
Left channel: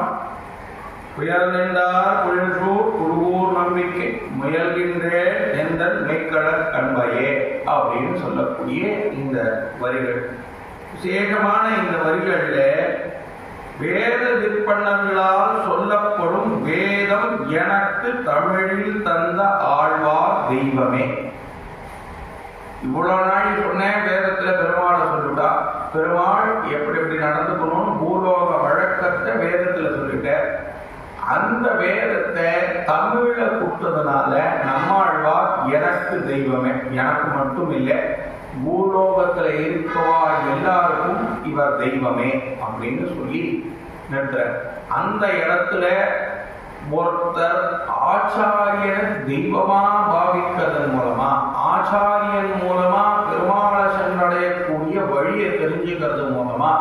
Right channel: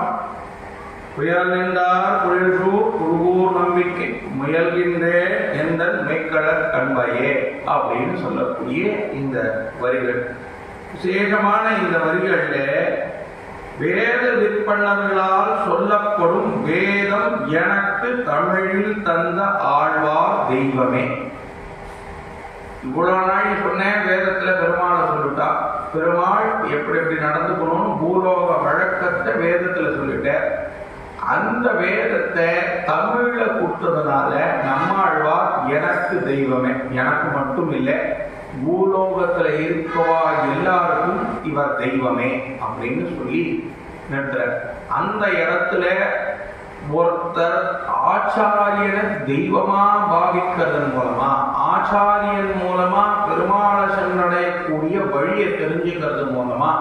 புயல் நின்றார் புயல்சூர் குழுவூர் நம்பிக்கை முயல்கின்றே எந்தன் மெய்க்கடற் கண்பையே அப்படின்னு சொல்லக்கூடிய இந்த வரிகள். விசேஷமான இந்த வரிகளில் வேத விற்பனர்களால் சொல்லப்படும் வேதம் எனக்கு தமிழில் தந்த ஆழ்வார் தெய்வமே. இவ்வளவு நாள் சொன்னேன், வேதத்துல பெருமாளை சொல்லிட்டா. பெருமாள் எப்படி நடந்துக்கணும் பூலோக வழக்கத்தை வேதத்துல சொல்லிட்டேன். அந்த வேதத்தை தமிழ்ல கொடுத்ததுனால நம்மாழ்வார் எனக்கு தெய்வமே, எனக்கு மட்டும் இல்லை பூலோகத்துல இருக்கவா எல்லாருக்கும் இவர் தெய்வமே அப்படின்னு சொல்லி நிறுத்துற. அந்த இடத்துல ஒருத்தர் ஆச்சாரியனை தெய்வமா பாவிக்கிறதன் மூலமா, ஆச்சாரியன் மூலமா பெருமாளை சென்றடையக்கூடிய வழியை தெரிஞ்சுக்கிறது மூலமா,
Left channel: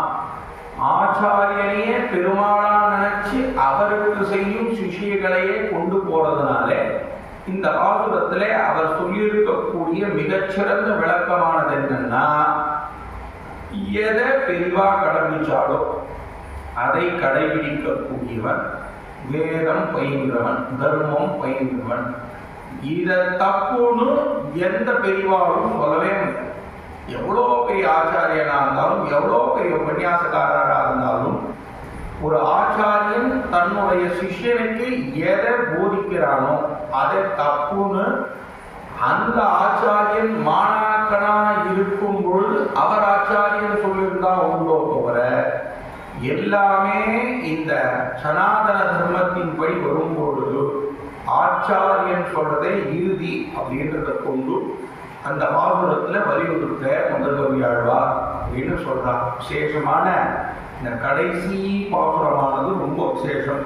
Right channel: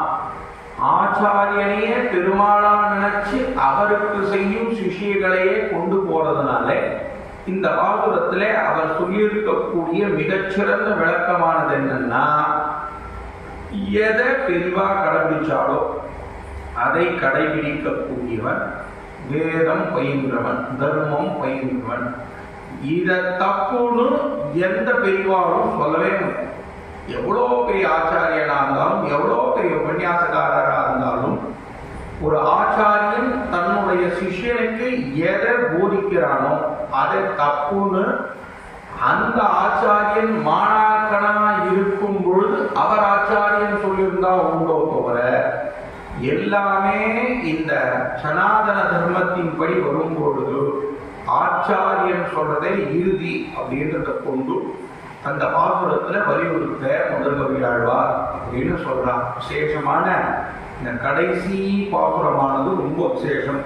ஆச்சாரியனையே பெருமாளா நினைச்சு அவருக்கு செய்யும் சிஷியங்களையே கொண்டு போறதுனால இந்த பாசுரத்துல அவர் சொல்லியிருக்கக்கூடிய மிகச்சிறந்த விளக்கமானது என்னன்னா, எதை பெரிவா கடைபிடிச்சாலோ அதை கடைபிடிக்கக்கூடியவன் வேதம் பயின்றவன், தர்மம் பயின்றவன். இதை தப்புன்னு எந்த பெரியவாரும் சொல்லவே முடியாது. எவ்வளோ பெரிய ஆச்சாரியனா இருந்தாலும், எவ்வளோ பெரிய உபன்யாசக்காரராக இருந்தாலும், ஒரு ஆச்சாரியன் தன்னுடைய சிஷ்யனுக்கு எதை போதிக்கிறானோ அதை தப்புன்னு அந்த ஆச்சாரியன் மாணாக்கனா இருக்கும் பொழுது அவர் ஆச்சாரியன் சொல்லியிருந்தா உண்டோ தவிர, எல்லாமே இந்த சனாதன தர்மத்தின் படி வரும்பொழுது ஆச்சாரியன் சொல்றதே இறுதி அப்படின்றத கொண்டு அந்த பாசுரத்துல வலியுறுத்த முதல் கவியாழ்வார் அப்படின்னு சொல்றார். விசேஷமான இந்த கடைசி பாசுரமானது ரொம்ப விசேஷம்.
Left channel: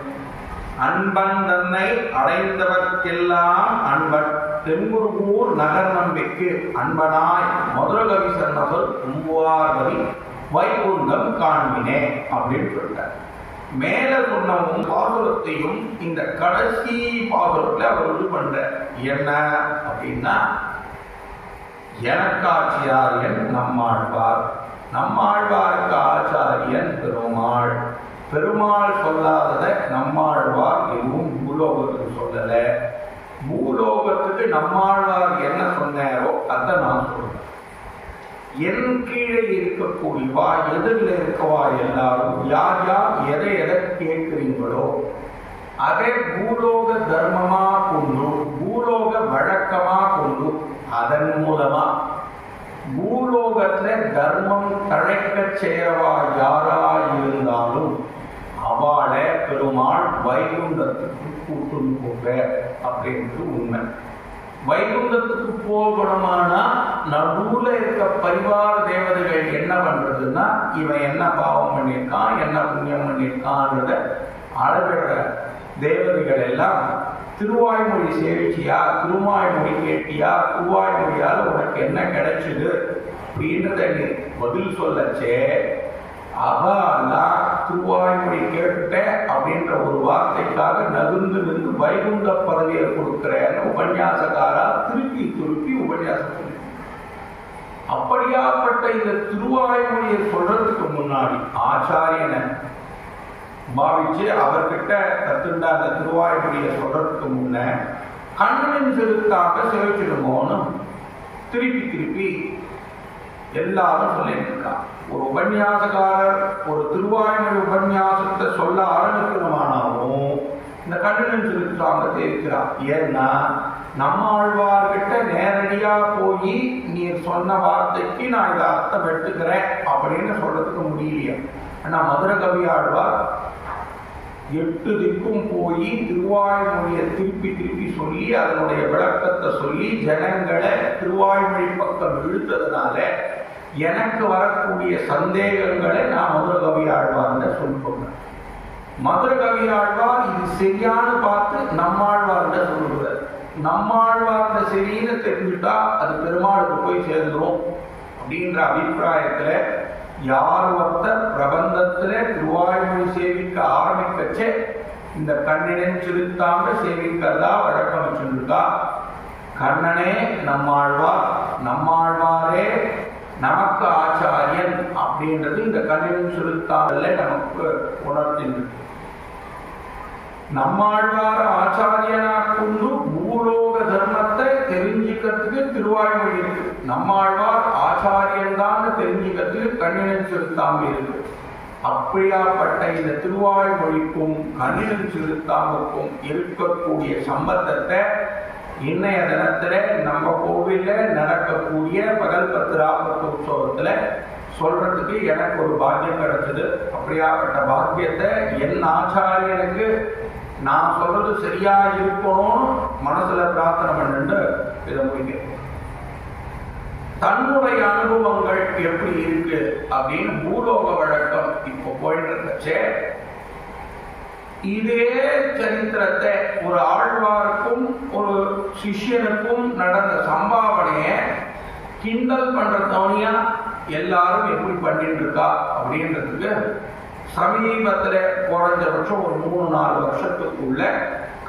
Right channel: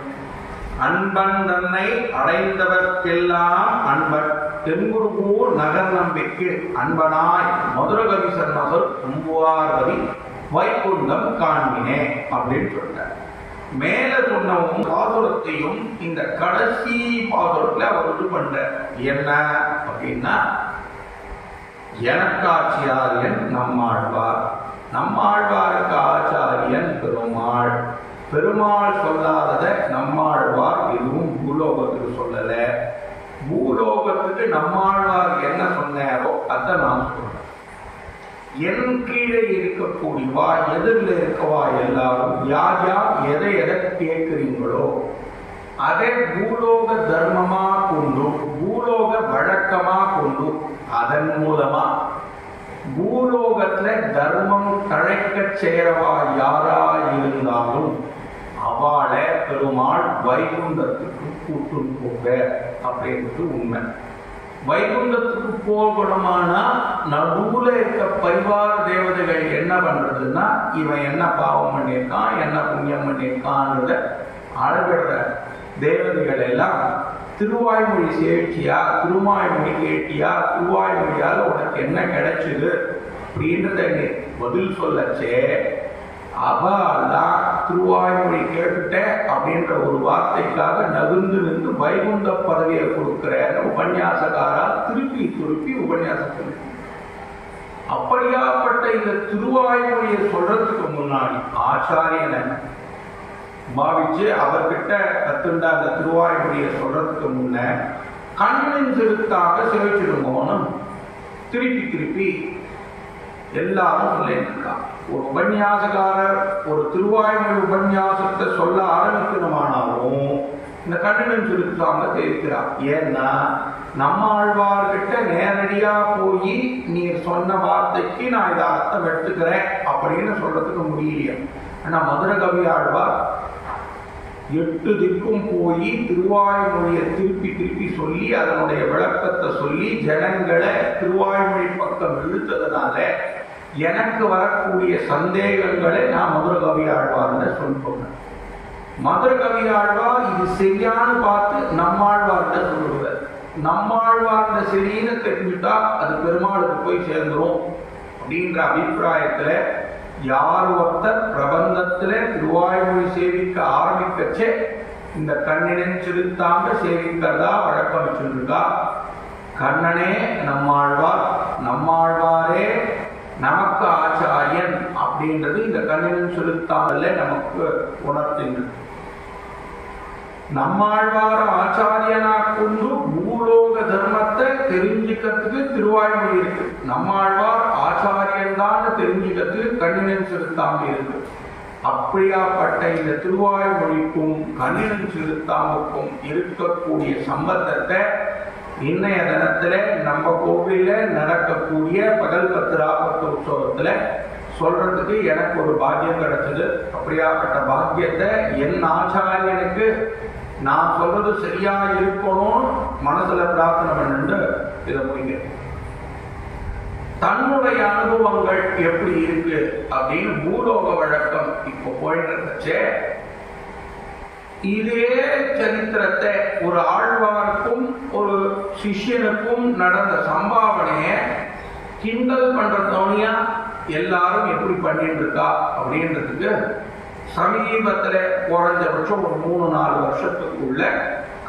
அன்பன் தன்னை அடைந்தவர்க்கெல்லாம் அன்பன் தென்குருகூர் நகர் நம்பிக்கு அன்பனாய் மதுரகவி சன்னசல் கும்புவார்வதி வைகுந்தம் காண்பினே அப்படின்னு சொல்றார். மேல சொன்ன பாசுரத்தையும் இந்த கடைசி பாசுரத்துல அவர் இது பண்ற என்ன அப்படின்னா, எனக்காட்சியாரியன் நம்மாழ்வார், நம்மாழ்வாருக்கு ஆச்சாரியன் பெருமாள், பெருமாள் சொல்லாதத நம்மாழ்வார் எதுவும் பூலோகத்துக்கு சொல்லல, பூலோகத்துக்கு நம்மாழ்வார் என்ன சொன்னாரோ அதை நான் சொல்றேன். என் கீழே இருக்கக்கூடியவா எதிரில் இருக்கவா எல்லாரும் யார் யார் எதை எதை கேட்கிறீங்களோ அதை பூலோக தர்மமா கொண்டு, பூலோக வழக்கமா கொண்டு, அதன் மூலமா பூலோகத்துல தர்மம் தழைக்க சேரவா யாரா இருந்தாலும் அவளை பெருமாள் வைகுண்டத்துக்கு கூட்டும் போக அப்படின்றது உண்மை. வைகுண்டத்துக்கு போகணுமானா நடுவுல இருக்க பரிவார தேவதைகள் என்ன பண்றதுன்னா, இவன் என்ன பாவம் பண்ணியிருக்கான், என்ன புண்ணியம் பண்ணியிருக்கான்றத அளவிடுற தேவதைகள் எல்லாம் திருவாய்மொழி சேவிச்சியா, திருவாய்மொழி கேட்டியா, திருவாய்மொழியால் உனக்கு என்ன கிடைச்சது அப்படின்றத பதில் சொல்லச்சே, அவெல்லாம் திருவாய்மொழி கேட்டுட்ட அப்படின்ற ஒரு வார்த்தைக்காக நகுந்து நின்று வைகுந்த பதவியை கொடுக்கிற உபன்யாசக்காரா திருப்பி திருப்பி உபன்யாசம் சொல்லி. அப்படியாப்பட்ட இந்த திருவாய்மொழியை சொல்றதுக்கு முன்னாடி ஆச்சாரியனை பாவிச்சு அவர்கிட்ட கத்துண்ட அந்த திருவாய்மொழியை சொல்றதுக்கு முன்ன கண்ணின் செலுத்தாக சிவச்சிடுமோன்னு திருப்பி எல்லாரும் சொல்லிட்டு இருக்கா. ஒரு உபன்யாசக்காரர் ஒரு திருவாய்மொழி உபன்யாசத்தை சொல்ல ஆரம்பிக்கணுமானாலும் இந்த கண்ணின் செலுத்தாம தெரிவிக்கிறார். ஏன்னா நம்மாழ்வார்கிட்ட நேரடியா போய் நீர் சொன்ன வார்த்தைக்கு நான் இதை அர்த்தம் எடுத்துக்கிறேன் அப்படின்னு சொல்றதுக்கு முடியலையா. ஆனா மதுர கவி ஆழ்வார் 8 திக்கும் போய் திருவாய்மொழியை திருப்பி சொல்லி அதனுடைய விளக்கத்தை சொல்லி ஜனங்களை திருவாய்மொழி பக்கம் இழுத்ததுனால எனக்கு வரக்கூடிய சந்தேகங்களை நான் மதுர கவி ஆழ்வார்னு சொல்லிக்கொண்டேன். மதுர கவி ஆழ்வார் இது சரியானு பார்த்து நம்மாழ்வார்கிட்ட சொல்லுவார். நம்மாழ்வார்கிட்ட சரின்னு தெரிஞ்சுட்டா அது பெருமாளுக்கு போய் சேர்ந்துரும் அப்படின்ற அபிப்பிராயத்துல யார் ஒருத்தர் பிரபந்தத்துல திருவாய்மொழி சேவிக்க ஆரம்பிக்கச்சே இந்த கண்ணினன் சிறுத்தாம சேவிக்கிறதா வழக்கம் வச்சுருக்கா. கண்ணனே நம்மாழ்வார், நம்மாழ்வாரே நமக்கு ஆச்சாரியன் அப்படின்றது இந்த கண்ணினன் சிறுத்தாமல்ல நமக்கு உணர்த்தின்றது. நம்மாழ்வார ஆச்சாரியனா கொண்டு பூலோக தர்மத்தை தெரிஞ்சுக்கிறதுக்கு திருவாய்மொழி இருக்கு. நம்மாழ்வார் ஆச்சாரியன் தான் தெரிஞ்சுக்கிறதுக்கு கண்ணினன் சிறுத்தாம இருக்கு. அப்படியாப்பட்ட இந்த திருவாய்மொழிக்கும் கண்ணினன் சிறுத்தாமுக்கும் இருக்கக்கூடிய சம்பந்தத்தை இன்னைய தினத்துல நம்ம கோவில்ல நடக்கக்கூடிய பகல் பத்திராபத்து உற்சவத்துல சொல்றதுக்கு எனக்கு ஒரு பாக்கியம் கிடைச்சது. அப்படியாப்பட்ட பாக்கியத்தை என் ஆச்சாரியனுக்கு நான் சொல்றது சரியா இருக்கணும் மனசுல பிரார்த்தனை பண்ணிட்டு இதை முடிக்கிறேன். தன்னுடைய அனுபவங்கள் எப்படி இருக்கு அப்படின்னு பூலோக வழக்கம் இப்போ போயிட்டு இருந்துச்சு. இதே சரித்திரத்தை ஒரு ஆழ்வாருக்கும் ஒரு சிஷ்யனுக்கும் நடந்த சம்பாவனைய கிண்டல் பண்ற தவணையா எல்லாரும் எப்படி பண்ணிட்டு இருக்கா அப்படின்றதுக்கு சமீபத்துல குறைஞ்சபட்சம் ஒரு 3-4 வருஷத்துக்குள்ள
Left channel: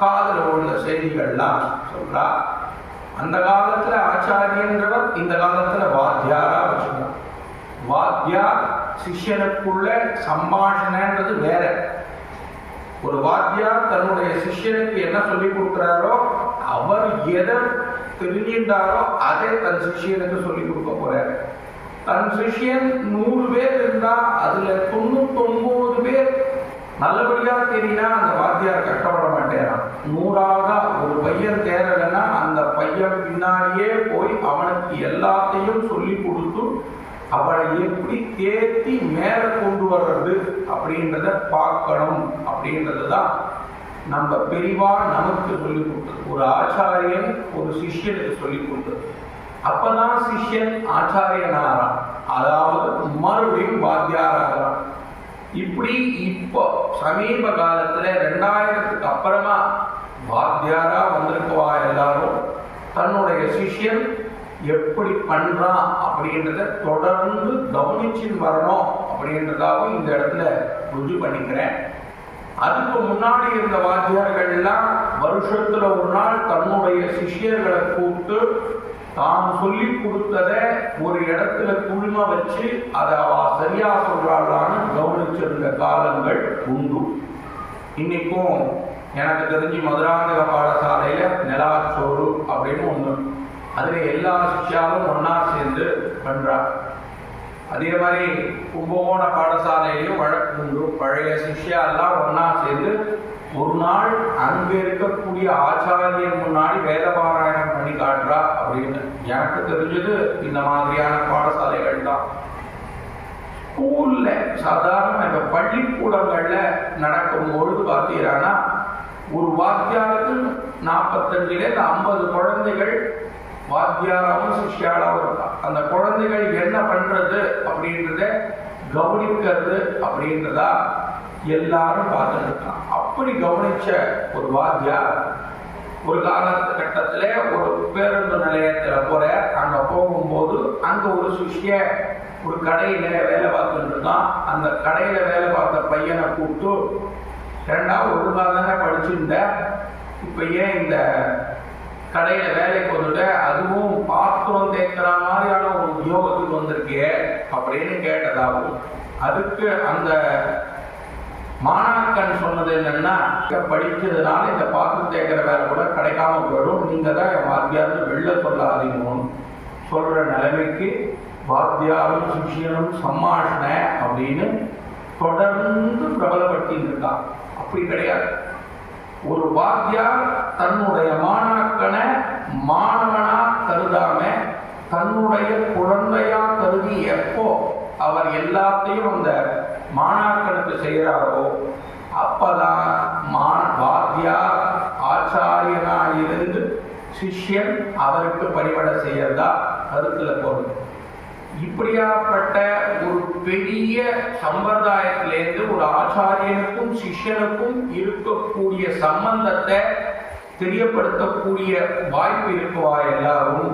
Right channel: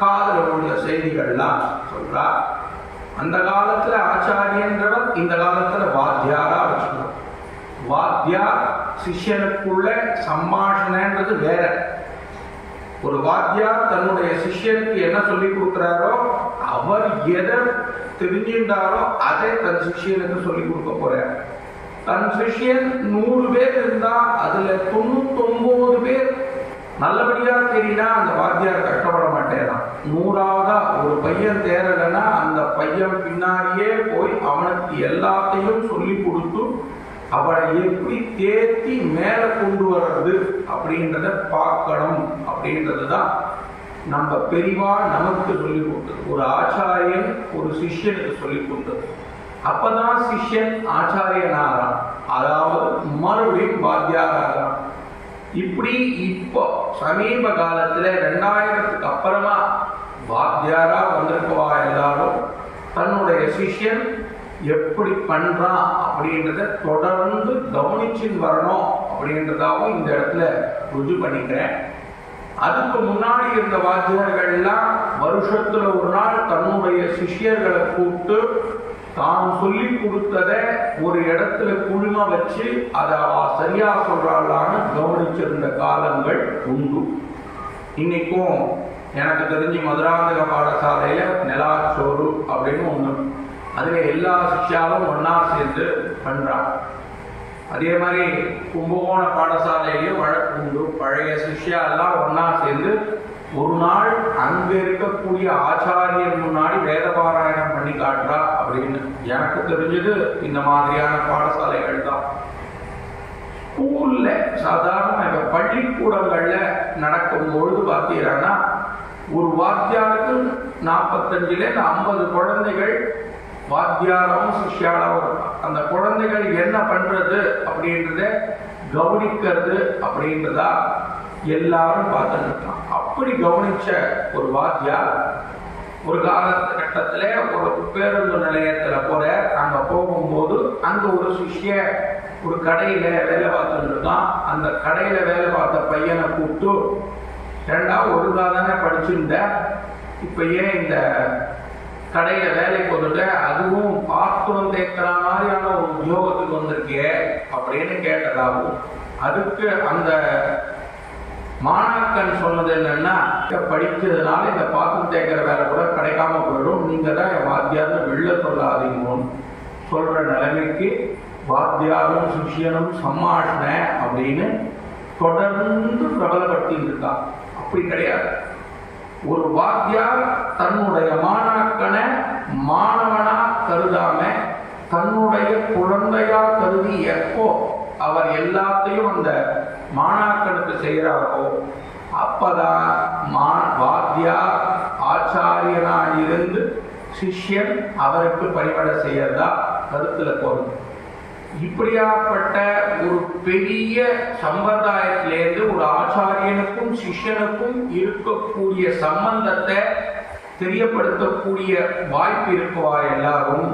காதல உள்ள செய்திகள்லாம் சொல்றா. அந்த காலத்துல ஆச்சாரியன்றவர் இந்த காலத்துல வாத்தியாரா வச்சுக்கணும். வாத்தியார் சிஷ்யனுக்குள்ள சம்பாஷணைன்றது வேற. ஒரு வாத்தியார் தன்னுடைய சிஷ்யனுக்கு என்ன சொல்லி கொடுக்கிறாரோ அவர் எதை தெரிஞ்சின்றாரோ அதை தன் சிஷ்யனுக்கு சொல்லி கொடுக்க போறார். தன் சிஷ்யன் 100 பேர் இருந்தா அதுல 99 பேர் நல்லபடியா தெரியினா அந்த வாத்தியார் கஷ்டப்பட மாட்டேறான். 100ஆக ஒரு பையன் தேரலைன்னா அந்த பையன் பின்னாடியே போய் அவனுக்கு எல்லாத்தையும் சொல்லி கொடுத்து அவளை எப்படி தேத்தி மேல கொண்டு வர்றது அப்படின்றத பார்க்கணும். அப்படின்றதுதான் நம்ம பெரிவா நமக்கு சொல்லி கொடுத்தது. ஒரு ஆச்சாரியன் ஒரு சிஷ்யனுக்கு சொல்லி கொடுத்தது. அப்பதான் சிஷ்யன் ஆச்சாரியனாராம், அதாவது மறுபடியும் வாத்தியாராராம். இப்படி இப்போ சமீப காலத்துல 2000க்கு அப்புறமா வாத்தியாரா வந்திருக்கவா எல்லாரும் தன்னுடைய சிஷ்யன் எப்படி பண்றான் அப்படின்றத தொடர்ந்து கவனிச்சுன்னு வரணும் அப்படின்றதாவும் இந்த இடத்துல ருஜு பண்ணிக்கிறேன். அதுக்கு முன்னாடி இருந்த வாத்தியார்கள் எல்லாம் வருஷத்துல ஒரு நாள் தன்னுடைய சிஷ்யர்களை கூப்பிட்டு தான் சொல்லி கொடுத்ததை ஒரு இடத்துல குழும வச்சு அதை அவ சரியா சொல்றாளான்னு கவனிச்சிருந்த காலங்கள் உண்டு. இன்னைக்கும் எனக்கு தெரிஞ்சு மதுராந்தக பாடசாலையில நிலாச்சோறு அப்படின்னு ஒண்ணு, அதுல எல்லா சிஷ்யாவும் ஒன்னா சேர்ந்து பண்றாங்க. அதே மாதிரி கும்பகோண பாடசாலையிலும் வழக்கு உண்டு. பழைய சிஷ்யா எல்லாம் ஒன்னா சேர்ந்து ஒரு நாள் அங்க இருக்கக்கூடிய ஆச்சாரியர் முன்னாடி வேத பாராயணம் பண்ணி காட்டுறா அப்படின்னு எனக்கு தெரிஞ்சது இந்த மாதிரியான பாடசாலைகள் தான். ஸ்கூல்ல சாதாரண இப்ப பள்ளிக்கூடங்கள்ல நடக்கும் பொழுது பார்த்தீங்கன்னா ஒரு வாத்தியாருக்கு 45லேருந்து 50 குழந்தைகள் வாத்தியாராவும் சிஷ்யாராவும் இருக்கான். அந்த குழந்தைகள் என்ன பண்றது அப்படின்றத கவனிக்கிறது அப்படின்றதா எல்லாரும் பார்த்துட்டு இருக்கான். அப்படி கவனிச்ச ஒரு வாத்தியார் ஒரு காலகட்டத்துல ஒரு பேருந்து நிலையத்துல போற, அங்க போகும்போது அங்க ஒரு சிஷ்ய ஒரு கடையில வேலை பார்த்துட்டு இருக்கான். அந்த கடையில வேலை பார்த்த பையனை கூப்பிட்டு, ஏண்டா ஒழுங்கா தானே படிச்சுட்ட, இப்ப ஏன் இந்த கடையில வேலைக்கு வந்துட்டு அதுவும் பார்த்து வந்தேக்கிற மாதிரியான ஒரு உத்தியோகத்துக்கு வந்திருக்கே அப்படின்னு கேட்டதாகும். அதுக்கு அந்த மாணாக்கன் சொன்னது என்னன்னா, படிக்கிறதுனால இந்த பாத்திரம் தேய்க்கிற வேலை கூட கிடைக்காம போயிடும், நீங்க தான் என் வாத்தியார்னு வெளில சொல்லாதீங்கன்னு சொல்ற நிலைமைக்கு வாத்தியாரும் சிஷியனும் சம்மாஷண அப்படின்னு தொடர்ந்து பிரபலப்படுத்திட்டு இருக்கான். அப்படி கிடையாது. ஒரு வாத்தியார் தன்னுடைய மாணாக்கனை மாணவனா கருதாம தன்னுடைய குழந்தையா கருதி எப்போ அவர் எல்லாத்தையும் அந்த மாணாக்கனுக்கு செய்கிறாரோ அப்பதான் வாத்தியார் ஆச்சாரியனாயிருந்து சிஷ்யன் அவருக்கு பணிவிடை செய்யறதா கருத்துல போகுது. இப்படியாப்பட்ட ஒரு பெரிய சம்பிரதாயத்திலேருந்து ஒரு ஆச்சாரியனுக்கும் சிஷ்யனுக்கும் இருக்கக்கூடிய சம்பந்தத்தை தெரியப்படுத்தக்கூடிய வாய்ப்பு இருக்குவா எல்லாரும்.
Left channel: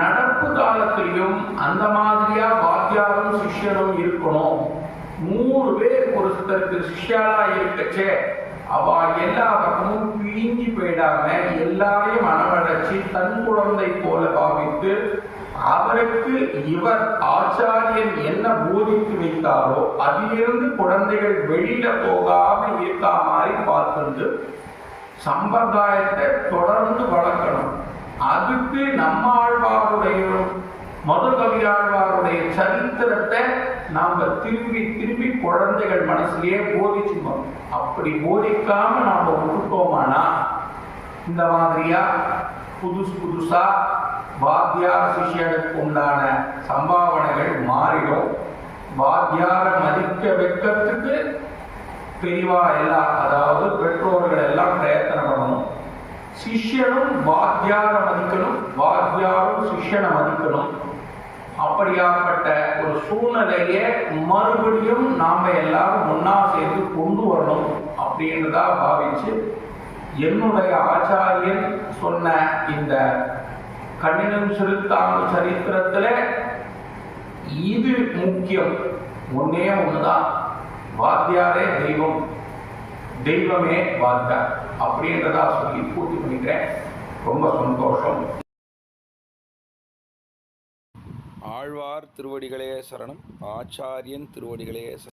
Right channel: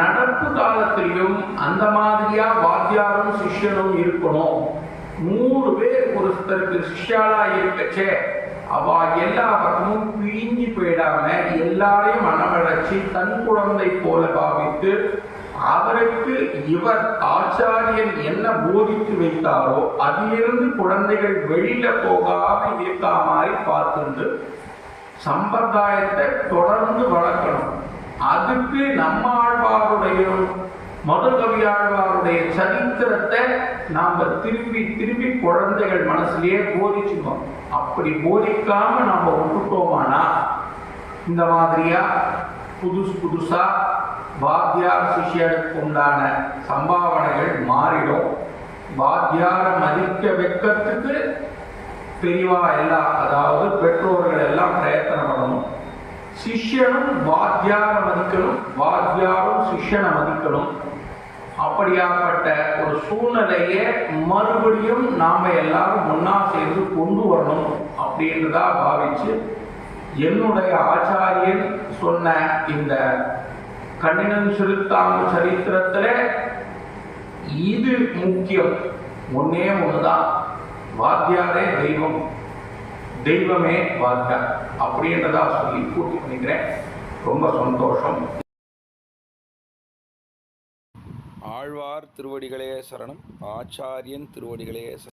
நடப்பு காலத்திலையும் அந்த மாதிரியா வாத்தியாரும் சிஷ்யனும் இருக்கணும். 100 பேர் ஒருத்தருக்கு சிஷ்யாலா இருக்கச்சே அவ எல்லா பக்கமும் பிழிஞ்சி போயிடாம எல்லாரையும் மனவழைச்சி தன் குழந்தை போல பாவித்து அவருக்கு இவர் ஆச்சாரியன் என்ன போதித்து வைத்தாரோ அதிலிருந்து குழந்தைகள் வெளியில போகாம இருக்கா மாதிரி பார்த்துட்டு சம்பிரதாயத்தை தொடர்ந்து வளர்க்கணும். அதுக்கு நம்மாழ்வாருடைய முதல் கவியாழ்வாருடைய சரித்திரத்தை நாம திரும்பி திரும்பி குழந்தைகள் மனசுலயே போதிச்சுக்கணும். அப்படி போதிக்காம நாம விட்டுட்டோமானா இந்த மாதிரியா புதுசா வாத்தியார் சிஷ்யனுக்கு உண்டான சம்பாவனைகள் மாறிடும். வாத்தியார மதிக்க வைக்கிறதுக்கு பெரியவா எல்லாம், அதாவது பெற்றோர்கள் எல்லாம் பிரயத்தனம் பண்ணணும். சிஷ்யனும் வாத்தியார மதிக்கணும், வாத்தியாரும் சிஷ்யனை மதிக்கணும். அப்படியாப்பட்ட ஒரு சூழ்நிலையை மறுபடியும் நாம எல்லாரும் ஒன்னா சேர்ந்து கொண்டு வரணும் அப்படின்றதா பாவிச்சு என்னுடைய ஆச்சாரியன் சொன்ன இந்த கண்ணினன் சிறுத்தாங்கு சரித்திரத்துல இது முக்கியம். ஒன்னே ஒண்ணுதான், வாத்தியாரே தெய்வம், தெய்வமே வாத்தியார் அப்படின்றதா சொல்லி பூர்த்தி பண்ணிக்கிறேன். ரொம்ப சந்தோஷம். ஆழ்வார் திருவடிகளே சரணம், ஆச்சாரியன் திருவடிகளே சரணம்.